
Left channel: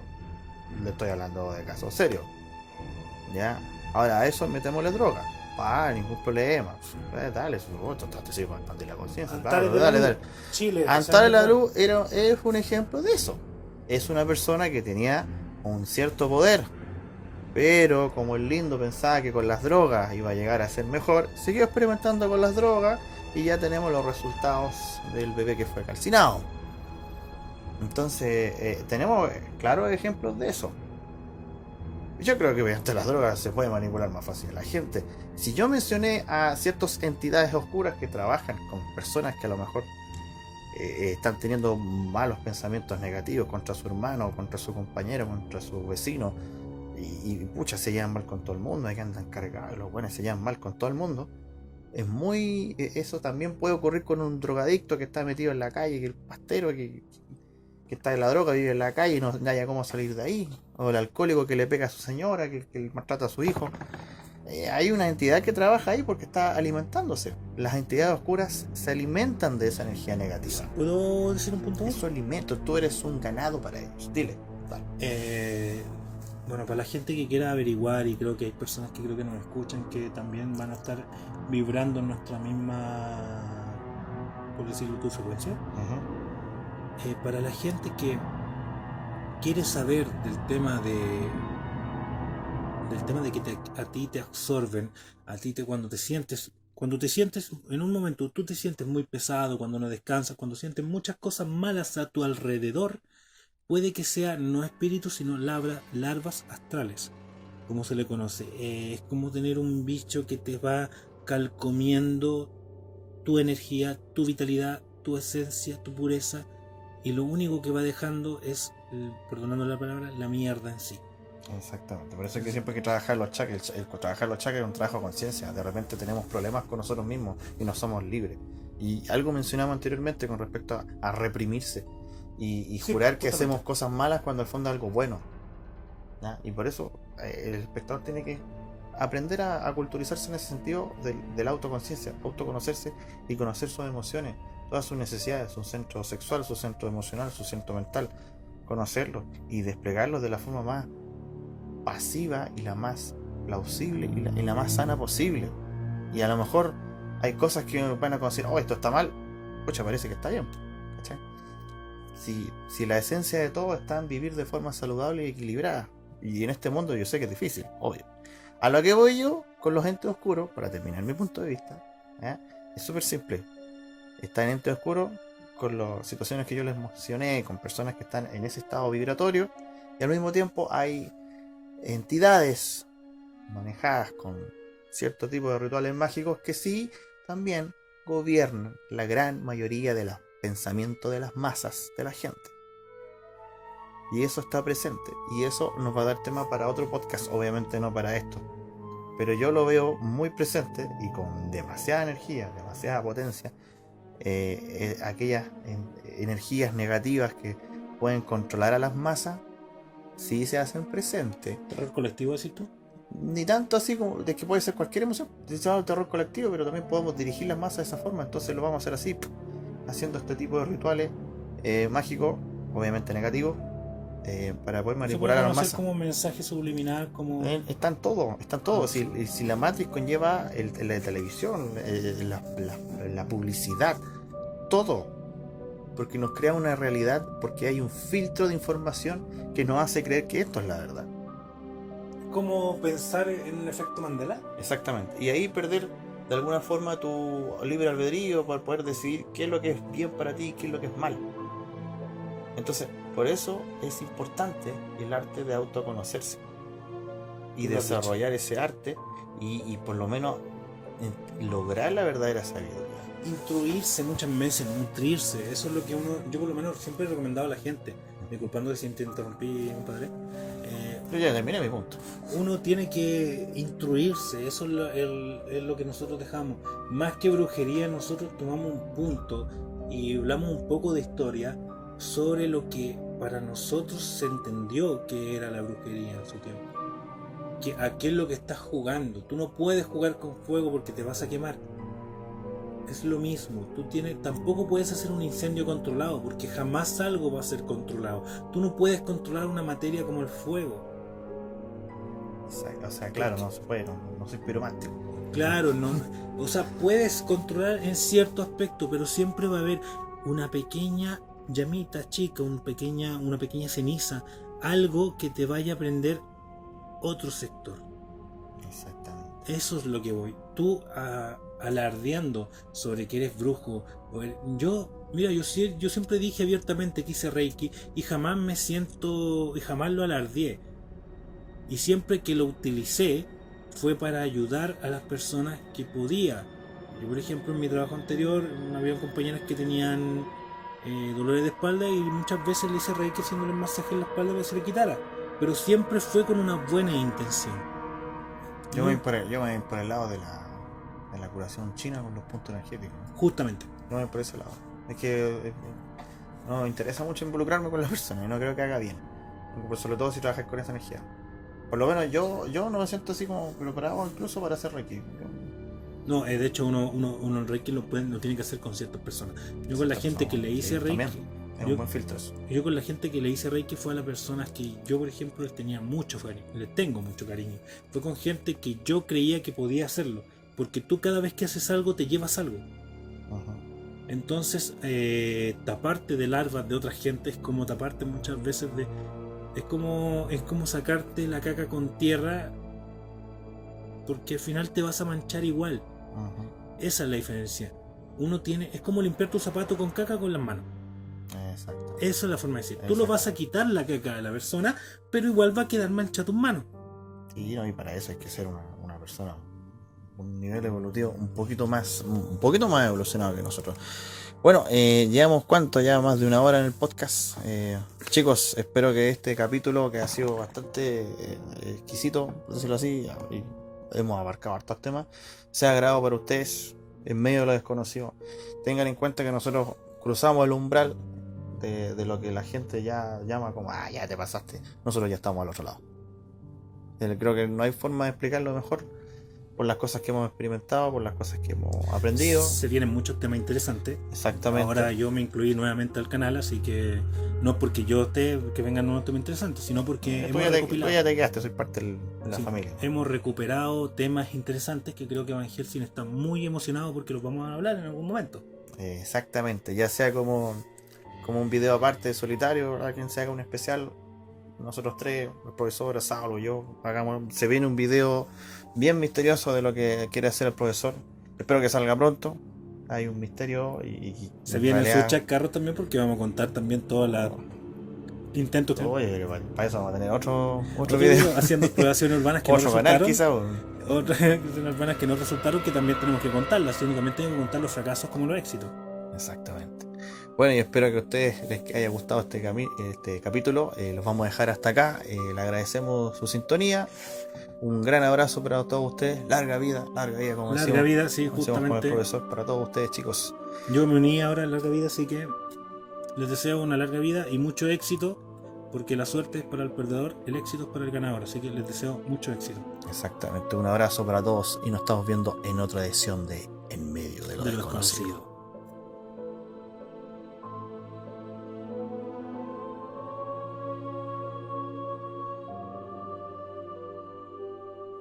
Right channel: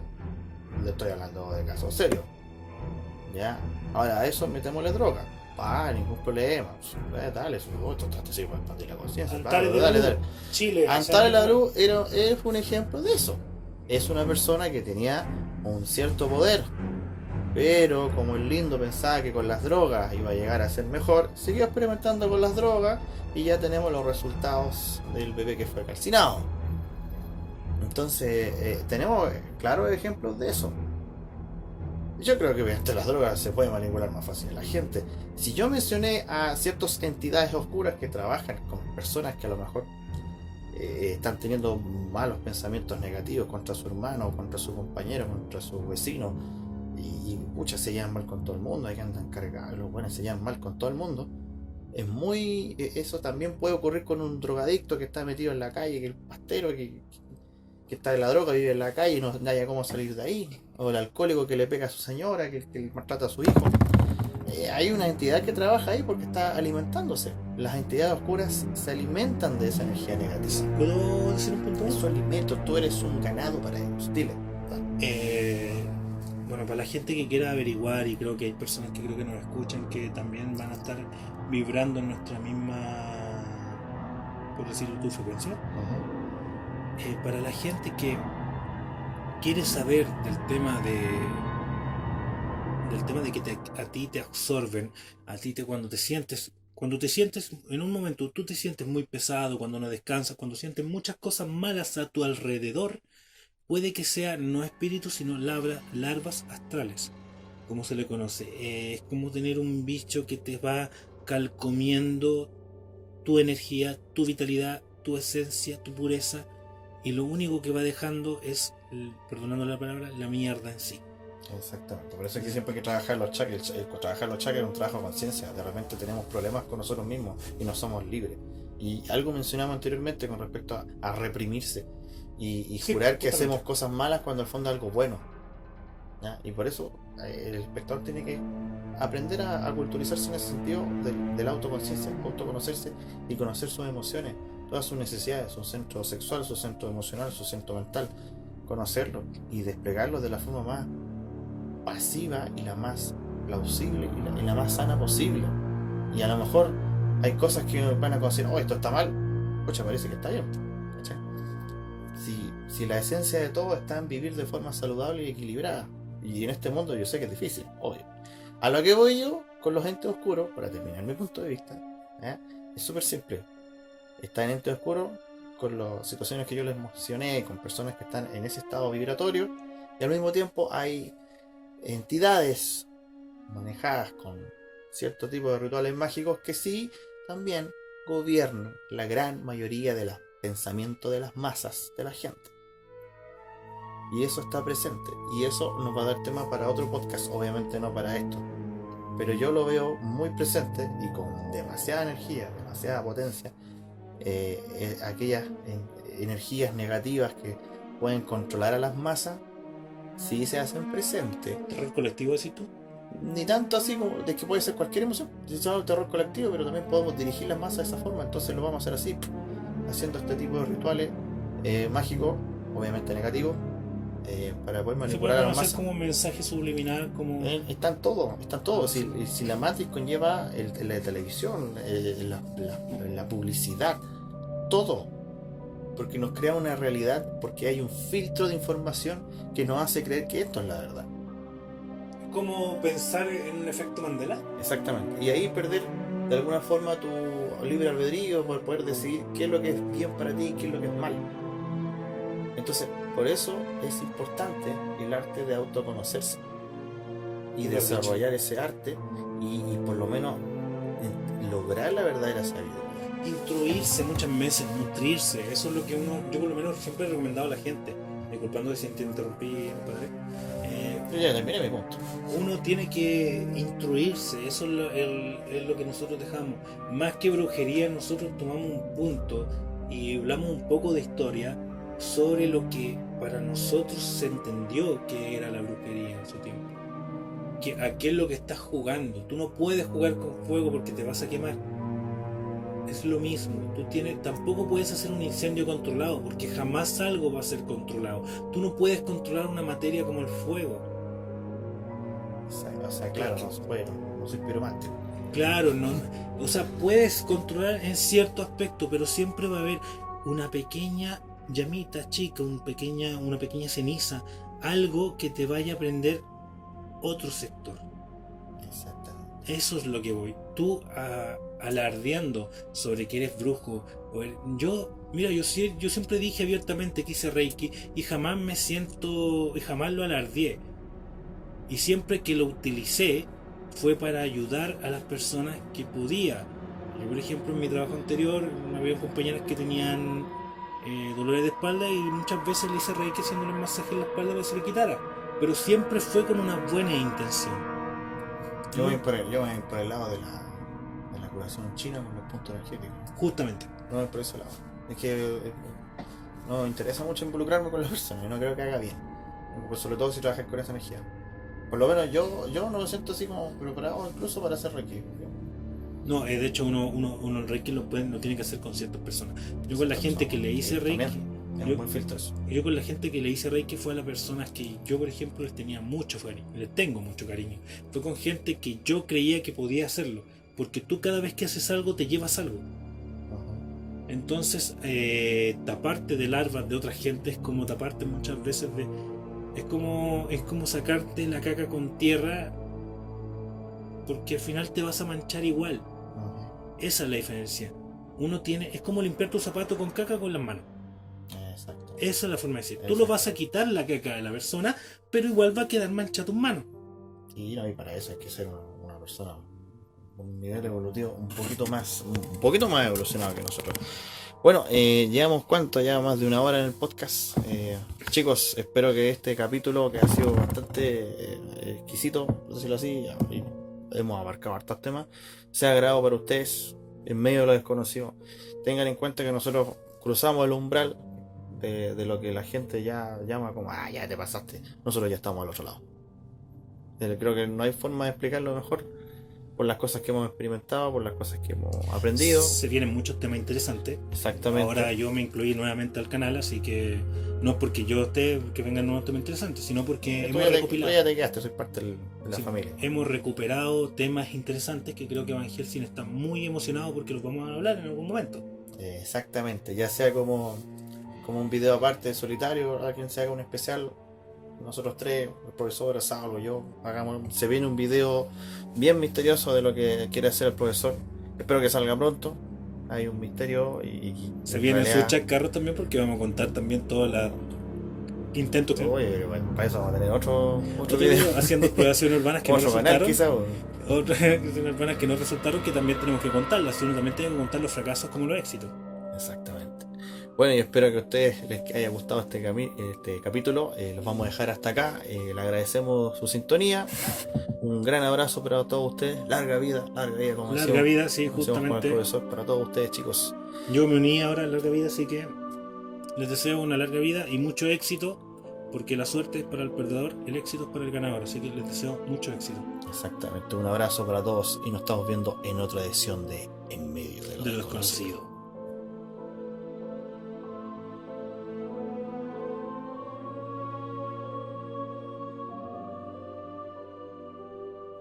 le estoy hablando de casos serios. ¿Ya? Ahora a eso metémosle droga. Ningún problema. Dale, te sirve para expandir la conciencia. Antares de la Luz, Chile. Antares de la Luz es un ejemplo de eso. Es una persona que tenía un cierto poder, pero como el lindo pensaba que con las drogas iba a llegar a ser mejor, siguió experimentando con las drogas y ya tenemos los resultados del bebé que fue calcinado. Entonces, tenemos claros ejemplos de eso. Yo creo que mediante las drogas se puede manipular más fácil a la gente. Si yo mencioné a ciertas entidades oscuras que trabajan con personas que a lo mejor están teniendo malos pensamientos negativos contra su hermano, contra su compañero, contra su vecino, y pucha, se llevan mal con todo el mundo, hay que andan cargados, los buenos se llevan mal con todo el mundo. es muy... Eso también puede ocurrir con un drogadicto que está metido en la calle, que el pastero que está en la droga, vive en la calle y no haya cómo salir de ahí. O el alcohólico que le pega a su señora, que maltrata a su hijo. Hay una entidad que trabaja ahí porque está alimentándose. Las entidades oscuras se alimentan de esa energía negativa. ¿Puedo decir un punto? Es su alimento, tú eres un ganado para ellos. Dile. Bueno, para la gente que quiera averiguar, y creo que hay personas que creo que nos escuchan que también van a estar vibrando en nuestra misma, por decirlo, tu frecuencia. Para la gente que quiere saber del tema de que a ti te absorben, a ti cuando te sientes en un momento, tú te sientes muy pesado, cuando no descansas, cuando sientes muchas cosas malas a tu alrededor, puede que sea no espíritus, sino larvas astrales, como se le conoce. Es como tener un bicho que te va calcomiendo tu energía, tu vitalidad, tu esencia, tu pureza, y lo único que va dejando es, perdonando la palabra, la mierda en sí. Exactamente, por eso es que siempre hay que trabajar los chakras. Trabajar los chakras es un trabajo de conciencia. De repente tenemos problemas con nosotros mismos y no somos libres. Y algo mencionamos anteriormente con respecto a reprimirse y Sí, jurar que totalmente. hacemos cosas malas cuando al fondo es algo bueno, ¿ya? Y por eso el espectador tiene que aprender a culturizarse en ese sentido de la autoconciencia, autoconocerse y conocer sus emociones, todas sus necesidades, su centro sexual, su centro emocional, su centro mental, conocerlo y desplegarlo de la forma más pasiva y la más plausible y la más sana posible. Y a lo mejor hay cosas que van a considerar, oh, esto está mal, pucha, parece que está bien, ¿cachai? Si la esencia de todo está en vivir de forma saludable y equilibrada, y en este mundo yo sé que es difícil, obvio. A lo que voy yo con los entes oscuros, para terminar mi punto de vista, ¿ya? Es súper simple. Está en ente oscuro con las situaciones que yo les mencioné, con personas que están en ese estado vibratorio, y al mismo tiempo hay entidades manejadas con cierto tipo de rituales mágicos que sí también gobiernan la gran mayoría de los pensamientos de las masas de la gente. Y eso está presente. Y eso nos va a dar tema para otro podcast, obviamente no para esto. Pero yo lo veo muy presente y con demasiada energía, demasiada potencia. Aquellas energías negativas que pueden controlar a las masas, sí se hacen presentes. ¿Terror colectivo decís tú? Ni tanto así como de que puede ser cualquier emoción. Se llama el terror colectivo, pero también podemos dirigir las masas de esa forma. Entonces lo vamos a hacer así, haciendo este tipo de rituales mágicos, obviamente negativos, para poder Se manipular puede a las conocer masas. como un mensaje subliminal, como... Están todos, están todos. Si la Matrix conlleva la televisión, la publicidad, todo. Porque nos crea una realidad, porque hay un filtro de información que nos hace creer que esto es la verdad. como pensar en un efecto Mandela. Exactamente. Y ahí perder de alguna forma tu libre albedrío para poder decidir qué es lo que es bien para ti y qué es lo que es mal. Entonces, por eso es importante el arte de autoconocerse y Como has desarrollar ese arte y por lo menos lograr la verdadera sabiduría. Instruirse muchas veces, nutrirse, eso es lo que yo por lo menos siempre he recomendado a la gente, disculpando si te interrumpí, padre. Yo ya terminé mi punto. Uno tiene que instruirse, eso es lo que nosotros dejamos. Más que brujería, nosotros tomamos un punto y hablamos un poco de historia sobre lo que para nosotros se entendió que era la brujería en su tiempo. ¿A qué es lo que estás jugando? Tú no puedes jugar con fuego porque te vas a quemar. Es lo mismo, tampoco puedes hacer un incendio controlado porque jamás algo va a ser controlado. Tú no puedes controlar una materia como el fuego. O sea, claro, no se puede, no soy piromántico. Claro, no, o sea, puedes controlar en cierto aspecto, pero siempre va a haber una pequeña llamita chica, una pequeña ceniza, algo que te vaya a prender otro sector. Exactamente. Eso es lo que voy. Tú alardeando sobre que eres brujo. Yo siempre dije abiertamente que hice Reiki y jamás jamás lo alardeé. Y siempre que lo utilicé fue para ayudar a las personas que podía. Yo, por ejemplo, en mi trabajo anterior había compañeras que tenían dolores de espalda y muchas veces le hice Reiki haciéndole un masaje en la espalda para que se le quitara. Pero siempre fue con una buena intención. Yo voy por el lado de la curación china con los puntos energéticos. Justamente. No es por ese lado. Es que no me interesa mucho involucrarme con la persona y no creo que haga bien. Sobre todo si trabajas con esa energía. Por lo menos yo no me siento así como preparado incluso para hacer Reiki. No, de hecho uno el Reiki lo tiene que hacer con ciertas personas. Yo con la gente que le hice Reiki, es un buen filtro eso. yo con la gente que le hice Reiki fue a las personas que yo, por ejemplo, les tenía mucho cariño, les tengo mucho cariño. Fue con gente que yo creía que podía hacerlo, porque tú cada vez que haces algo te llevas algo. Ajá. Entonces, taparte de larvas de otra gente es como taparte muchas veces de... Es como sacarte la caca con tierra, porque al final te vas a manchar igual. Ajá. Esa es la diferencia. Es como limpiar tu zapato con caca con las manos. Exacto. Esa es la forma de decir. Tú lo vas a quitar la caca de la persona, pero igual va a quedar mancha tus manos. Y no, y para eso hay que ser una persona con un nivel evolutivo un poquito más evolucionado que nosotros. Bueno, llevamos ya más de 1 hora en el podcast. Chicos, espero que este capítulo, que ha sido bastante exquisito, por decirlo así, y hemos abarcado hartos temas, sea agrado para ustedes en medio de lo desconocido. Tengan en cuenta que nosotros cruzamos el umbral de lo que la gente ya llama como, ya te pasaste. Nosotros ya estamos al otro lado. Creo que no hay forma de explicarlo mejor por las cosas que hemos experimentado, por las cosas que hemos aprendido. Se vienen muchos temas interesantes. Exactamente. Ahora yo me incluí nuevamente al canal, así que no porque yo esté que vengan nuevos temas interesantes, sino porque Tú ya te quedaste, soy parte de la familia. Hemos recuperado temas interesantes que creo que Van Helsing está muy emocionado porque los vamos a hablar en algún momento. Exactamente, ya sea como un video aparte solitario, ¿verdad? Quien se haga un especial, nosotros tres, el profesor, Saulo, yo, se viene un video bien misterioso de lo que quiere hacer el profesor. Espero que salga pronto. Hay un misterio y se viene su chascarro también, porque vamos a contar también todos los intentos que... Oye, bueno, para eso vamos a tener otro video haciendo exploraciones urbanas que no resultaron. Quizá, otras exploraciones urbanas que no resultaron, que también tenemos que contarlas, sino también tenemos que contar los fracasos como los éxitos. Exactamente. Bueno, y espero que a ustedes les haya gustado este capítulo. Los vamos a dejar hasta acá. Le agradecemos su sintonía. Un gran abrazo para todos ustedes. Larga vida, como larga decimos, vida, sí, justamente. Con el profesor, para todos ustedes, chicos. Yo me uní ahora a larga vida, así que les deseo una larga vida y mucho éxito, porque la suerte es para el perdedor, el éxito es para el ganador. Así que les deseo mucho éxito. Exactamente. Un abrazo para todos y nos estamos viendo en otra edición de En Medio de lo Desconocido.